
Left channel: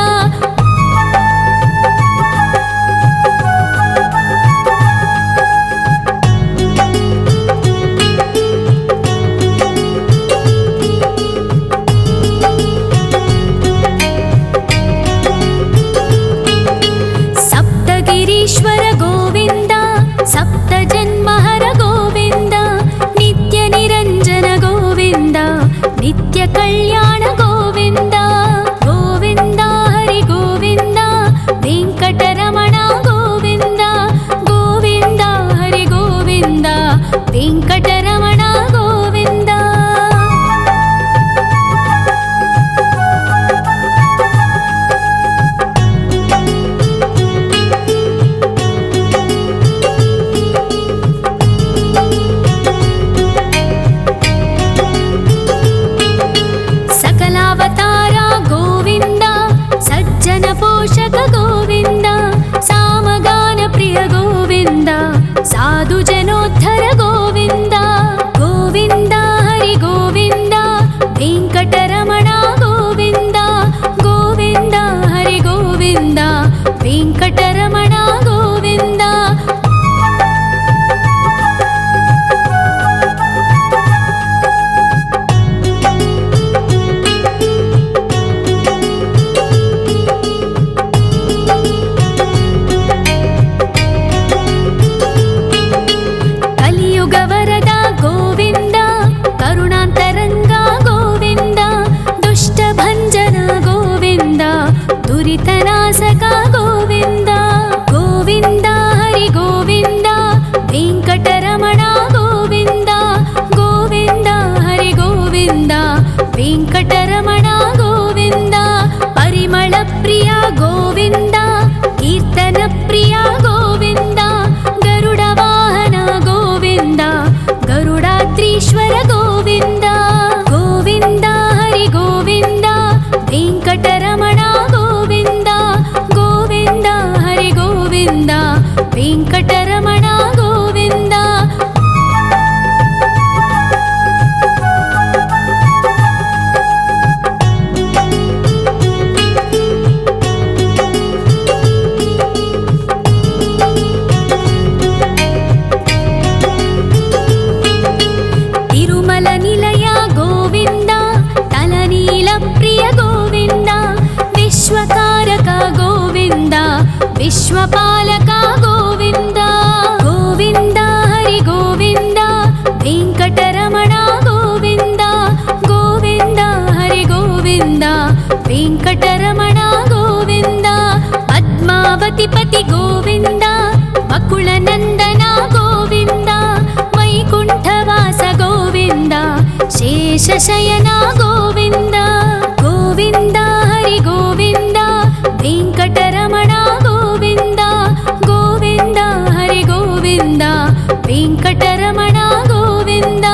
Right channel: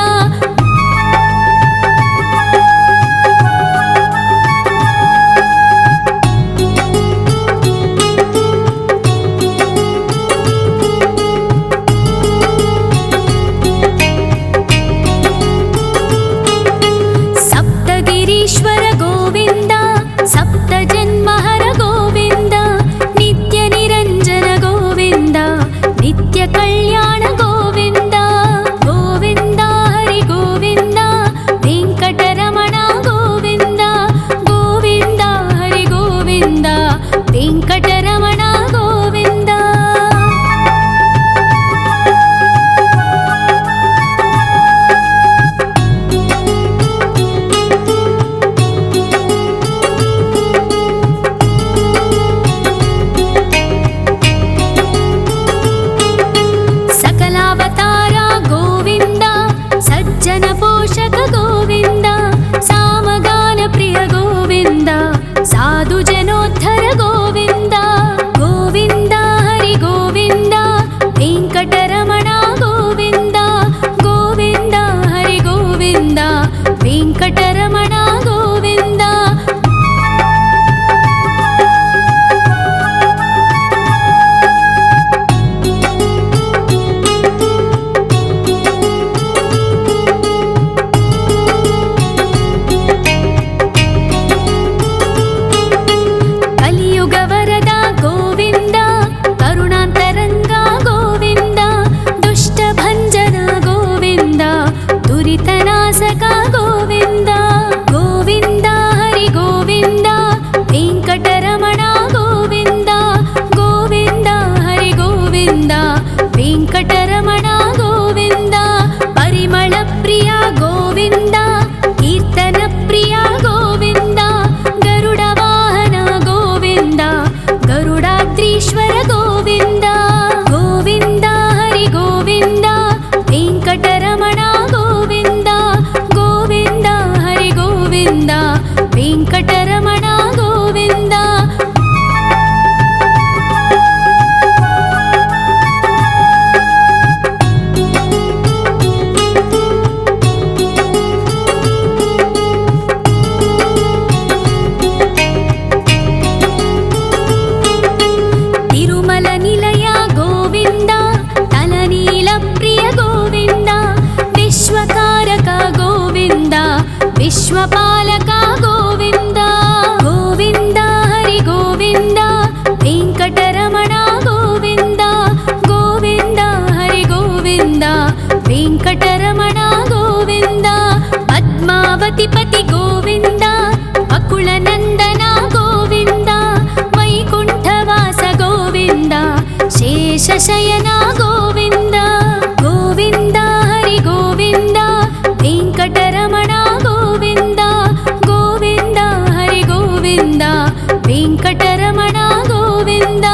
ಸಪ್ತಗಿರೀಶ್ವರ ಗೋವಿಂದ ಸಪ್ತ ಜನ್ಮಹರ ಗೋವಿಂದ ನಿತ್ಯ ನಿರಂಜನ ಗೋವಿಂದ ನಿತ್ಯ ಕಲ್ಯಾಣ ಗೋವಿಂದ ಗೋವಿಂದ ಹರಿ ಗೋವಿಂದ ವೆಂಕಟರಮಣ ಗೋವಿಂದ ಗೋವಿಂದ ಹರಿ ಗೋವಿಂದ ವೆಂಕಟರಮಣ ಗೋವಿಂದ ವರದ ಗೋವಿಂದ ಕರುಣಾಂತರಂಗ ಗೋವಿಂದ ದುಷ್ಟಭಂಜನ ಗೋವಿಂದ ದುರಿತನಾಶಕ ಗೋವಿಂದ ಗೋವಿಂದ ಹರಿ ಗೋವಿಂದ ವೆಂಕಟರಮಣ ಗೋವಿಂದ ಗೋವಿಂದ ಹರಿ ಗೋವಿಂದ ವೆಂಕಟರಮಣ ಗೋವಿಂದ ಪರಿಮಳ ಪ್ರಿಯ ಗೋವಿಂದ ಕೀರ್ತನ ಪ್ರಿಯ ಗೋವಿಂದ ಗರುಡ ವಾಹನ ಗೋವಿಂದ ಗರುಡಾದ್ರೀಶ್ವರ ಗೋವಿಂದ ಗೋವಿಂದ ಹರಿ ಗೋವಿಂದ ವೆಂಕಟರಮಣ ಗೋವಿಂದ ಗೋವಿಂದ ಹರಿ ಗೋವಿಂದ ವೆಂಕಟರಮಣ ಗೋವಿಂದ ತಿರುಮಲ ನಿಲಯ ಗೋವಿಂದ ತಲನೀಲ ಪ್ರಿಯ ಗೋವಿಂದ ವಿಶ್ವಕಾರಕ ಗೋವಿಂದ ವಿಶ್ವಪಾಲಕ ಗೋವಿಂದ ಗೋವಿಂದ ಹರಿ ಗೋವಿಂದ ವೆಂಕಟರಮಣ ಗೋವಿಂದ ಗೋವಿಂದ ಹರಿ ಗೋವಿಂದ ವೆಂಕಟರಮಣ ಗೋವಿಂದ ಪದ್ಮಾವತಿ ಪತಿ ಗೋವಿಂದ ಅಕುಳ ನಂದನ ಗೋವಿಂದ ವೈಕುಂಠವಾಸ ಗೋವಿಂದ ಶೇಷಶಯನ ಗೋವಿಂದ ಗೋವಿಂದ ಹರಿ ಗೋವಿಂದ ವೆಂಕಟರಮಣ ಗೋವಿಂದ ಗೋವಿಂದ ಹರಿ ಗೋವಿಂದ ವೆಂಕಟರಮಣ ಗೋವಿಂದ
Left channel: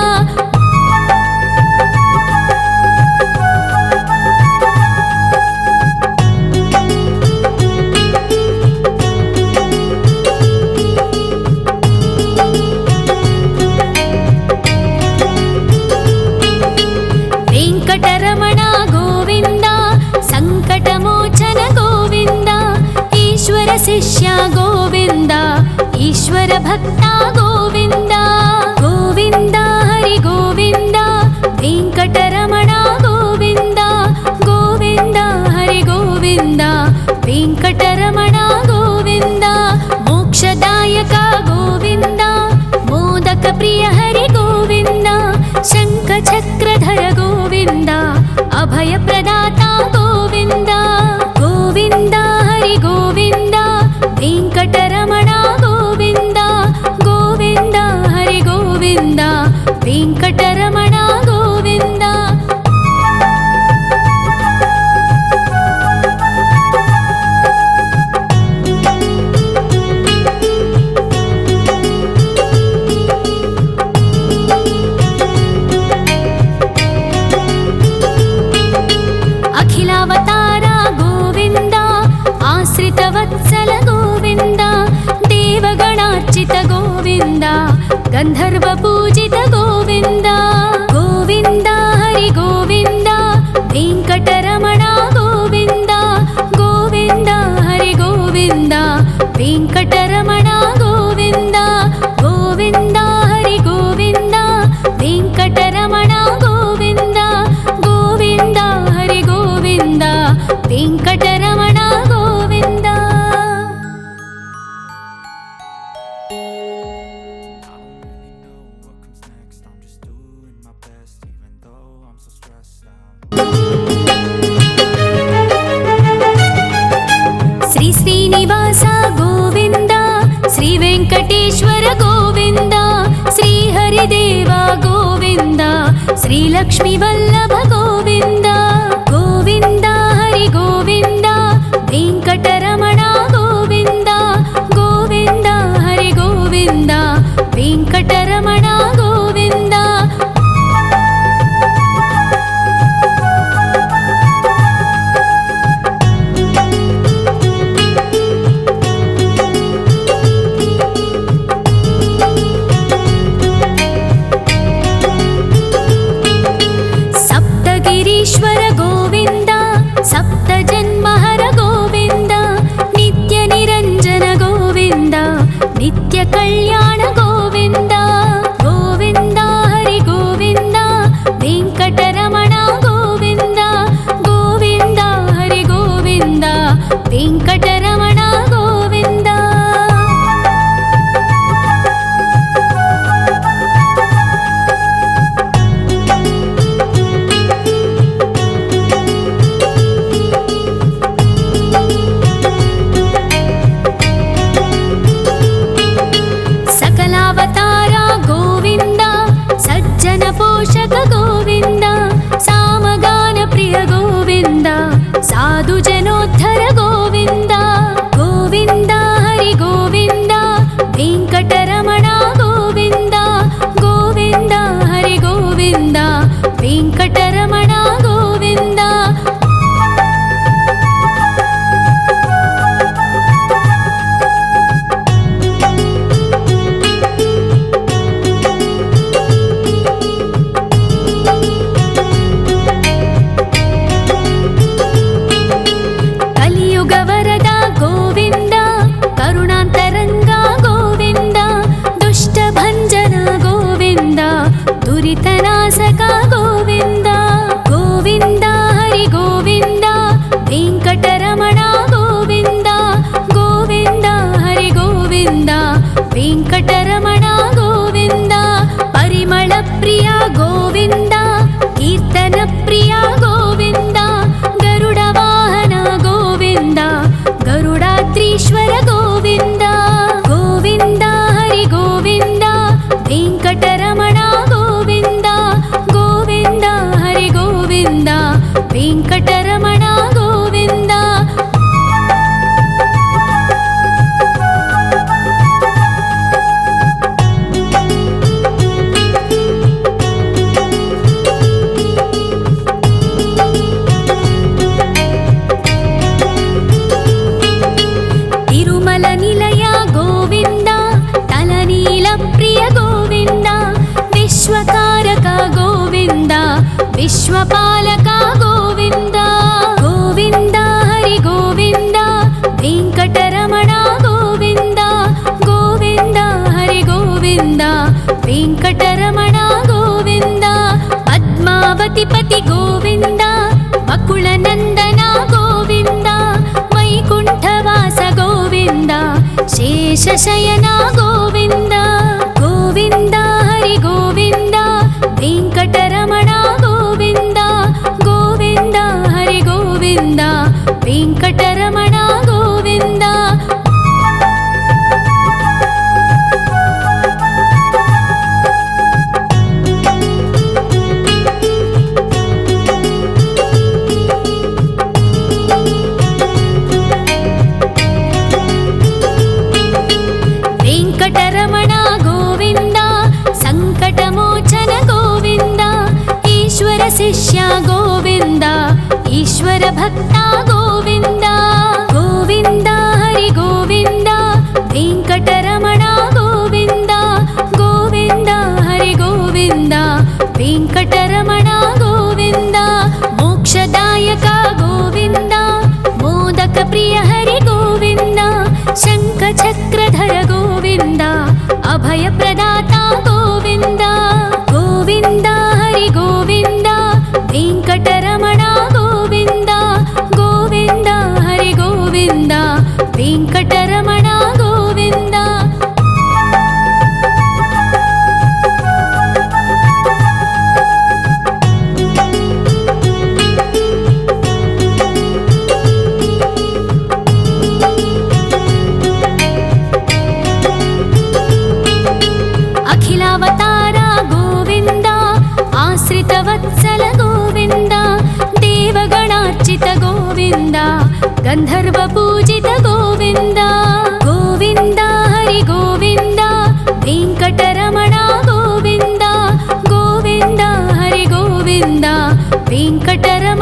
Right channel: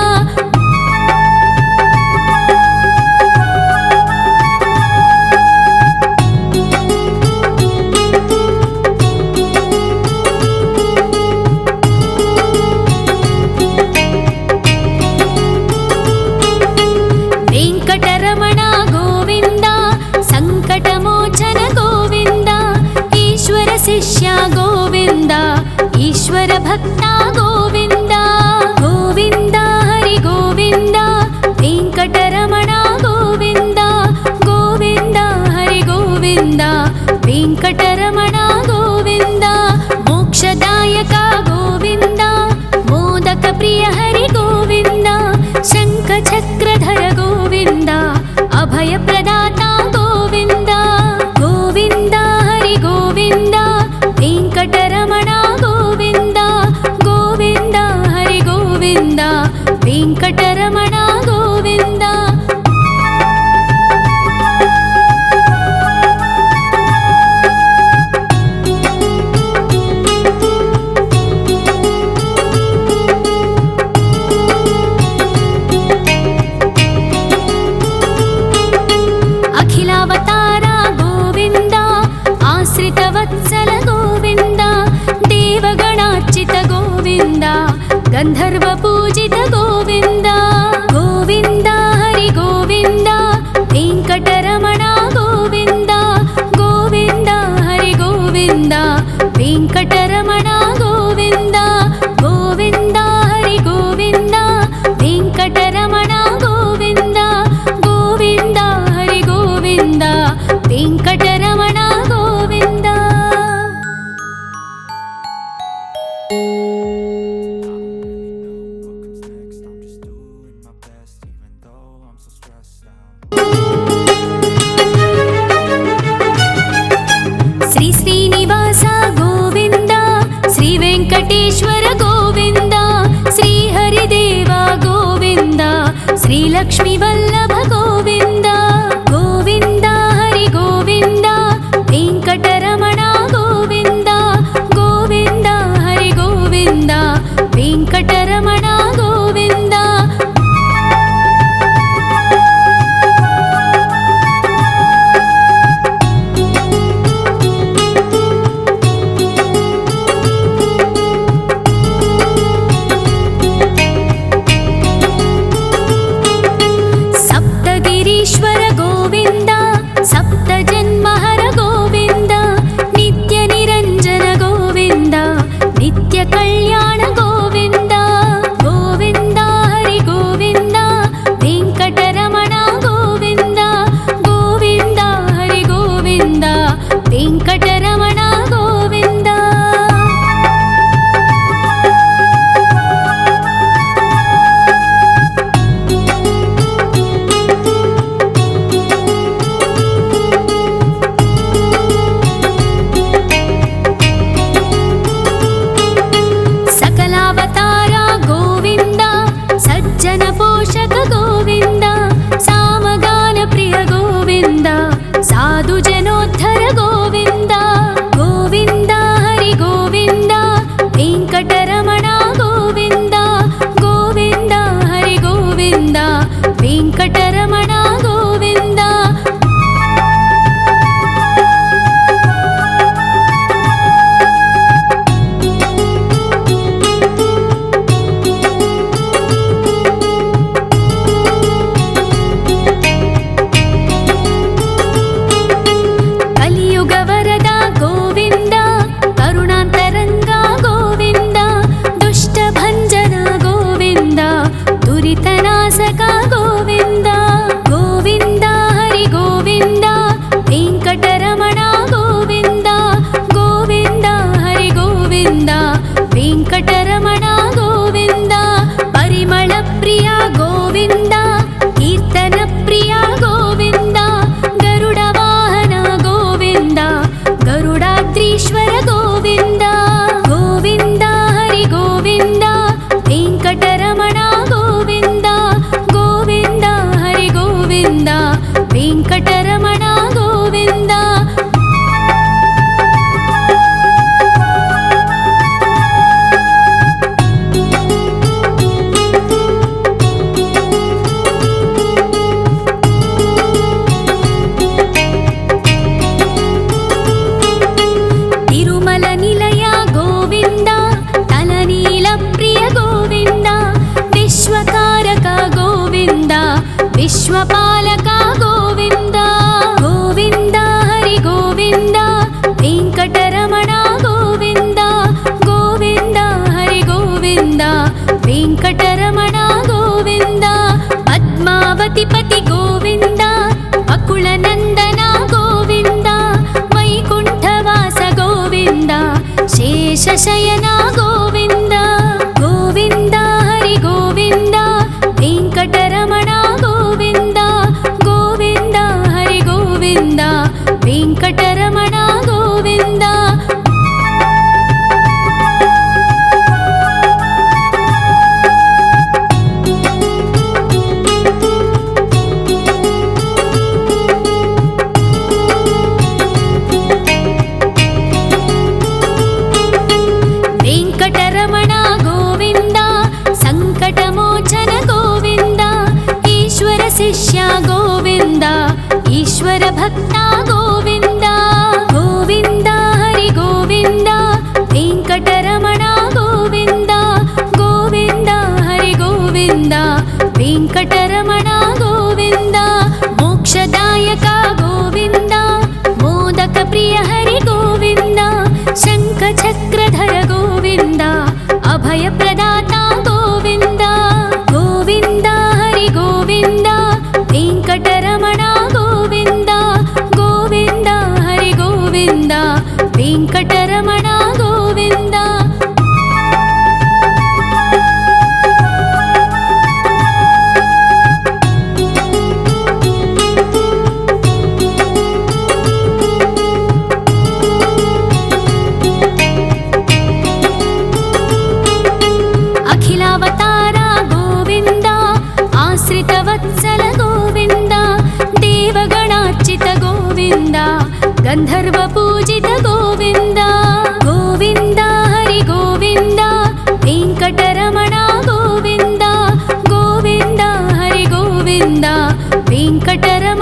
ವೆಂಕಟರಮಣ ಗೋವಿಂದ ಸಂಕಟಮೋಚನ ಗೋವಿಂದ ಈಶ್ವರ ಶಿಷ್ಯ ಗೋವಿಂದ ಈಶ್ವರ ಭಕ್ತ ಗೋವಿಂದ ಗೋವಿಂದ ಹರಿ ಗೋವಿಂದ ವೆಂಕಟರಮಣ ಗೋವಿಂದ ಗೋವಿಂದ ಹರಿ ಗೋವಿಂದ ವೆಂಕಟರಮಣ ಗೋವಿಂದ ಮೋಕ್ಷದಾಯಕ ಗೋವಿಂದ ಮೋದಕ ಪ್ರಿಯ ಹರಿ ಗೋವಿಂದ ಶಂಖ ಚಕ್ರಧರ ಗೋವಿಂದ ಅಭಯ ಪ್ರದಾತ ಗೋವಿಂದ ಗೋವಿಂದ ಹರಿ ಗೋವಿಂದ ವೆಂಕಟರಮಣ ಗೋವಿಂದ ಗೋವಿಂದ ಹರಿ ಗೋವಿಂದ ವೆಂಕಟರಮಣ ಗೋವಿಂದ ಅಖಿಲಾವತಾರ ಗೋವಿಂದ ಆಶ್ರಿತ ವತ್ಸಲ ಗೋವಿಂದ ದೇವಗಣಾರ್ಚಿತ ಗೋವಿಂದ ಗಂಧರ್ವ ಪೂಜಿತ ಗೋವಿಂದ ಗೋವಿಂದ ಹರಿ ಗೋವಿಂದ ವೆಂಕಟರಮಣ ಗೋವಿಂದ ಗೋವಿಂದ ಹರಿ ಗೋವಿಂದ ವೆಂಕಟರಮಣ ಗೋವಿಂದ ಗೋವಿಂದ ಹರಿ ಗೋವಿಂದ ವೆಂಕಟರಮಣ ಗೋವಿಂದ ಗೋವಿಂದ ಹರಿ ಗೋವಿಂದ ವೆಂಕಟರಮಣ ಗೋವಿಂದ ಶ್ರೀ ಶ್ರೀನಿವಾಸ ಗೋವಿಂದ ಶ್ರೀ ವೆಂಕಟೇಶ್ವರ ಗೋವಿಂದ ಶ್ರೀ ಹರಿದೇವ ಗೋವಿಂದ ಶ್ರೀ ಲಕ್ಷ್ಮೀ ವಲ್ಲಭ ಗೋವಿಂದ ಗೋವಿಂದ ಹರಿ ಗೋವಿಂದ ವೆಂಕಟರಮಣ ಗೋವಿಂದ ಗೋವಿಂದ ಹರಿ ಗೋವಿಂದ ವೆಂಕಟರಮಣ ಗೋವಿಂದ ಸಪ್ತಗಿರೀಶ್ವರ ಗೋವಿಂದ ಸಪ್ತ ಜನ್ಮಹರ ಗೋವಿಂದ ನಿತ್ಯ ನಿರಂಜನ ಗೋವಿಂದ ನಿತ್ಯ ಕಲ್ಯಾಣ ಗೋವಿಂದ ಗೋವಿಂದ ಹರಿ ಗೋವಿಂದ ವೆಂಕಟರಮಣ ಗೋವಿಂದ ಗೋವಿಂದ ಹರಿ ಗೋವಿಂದ ವೆಂಕಟರಮಣ ಗೋವಿಂದ साधु जनोद्धर गोविन्द गोविन्द हरि गोविन्द वेङ्कटरमण गोविन्द गोविन्द हरि गोविन्द वेङ्कटरमण गोविन्द कलियुगवरद गोविन्द करुणान्तरङ्ग गोविन्द दुष्टभञ्जन गोविन्द दुरितनाशक गोविन्द गोविन्द हरि गोविन्द वेङ्कटरमण गोविन्द गोविन्द हरि गोविन्द वेङ्कटरमण गोविन्द परिमलप्रिय गोविन्द कीर्तनप्रिय गोविन्द गरुडवाहन गोविन्द गरुडाद्रीश्वर गोविन्द गोविन्द हरि गोविन्द वेङ्कटरमण गोविन्द गोविन्द हरि गोविन्द वेङ्कटरमण गोविन्द तिरुमल निलय गोविन्द तलनील प्रिय गोविन्द विश्वकारक गोविन्द विश्वपालक गोविन्द गोविन्द हरि गोविन्द वेङ्कटरमण गोविन्द गोविन्द हरि गोविन्द वेङ्कटरमण गोविन्द पद्मावतिपति गोविन्द वकुलनन्दन गोविन्द वैकुण्ठवास गोविन्द शेषशयन गोविन्द गोविन्द हरि गोविन्द वेङ्कटरमण गोविन्द गोविन्द हरि गोविन्द वेङ्कटरमण गोविन्द वेङ्कटरमण गोविन्द सङ्कटमोचन गोविन्द ईश्वर शिष्य गोविन्द ईश्वर भक्त गोविन्द गोविन्द हरि गोविन्द वेङ्कटरमण गोविन्द गोविन्द हरि गोविन्द वेङ्कटरमण गोविन्द मोक्षदायक गोविन्द मोदक प्रिय हरि गोविन्द शङ्खचक्रधर गोविन्द अभयप्रदाता गोविन्द गोविन्द हरि गोविन्द वेङ्कटरमण गोविन्द गोविन्द हरि गोविन्द वेङ्कटरमण गोविन्द अखिलावतार गोविन्द आश्रितवत्सल गोविन्द देवगणार्चित गोविन्द गन्धर्वपूजित गोविन्द गोविन्द हरि गोविन्द वेङ्कटरमण गोविन्द गोविन्द हरि गोविन्द वेङ्कटरमण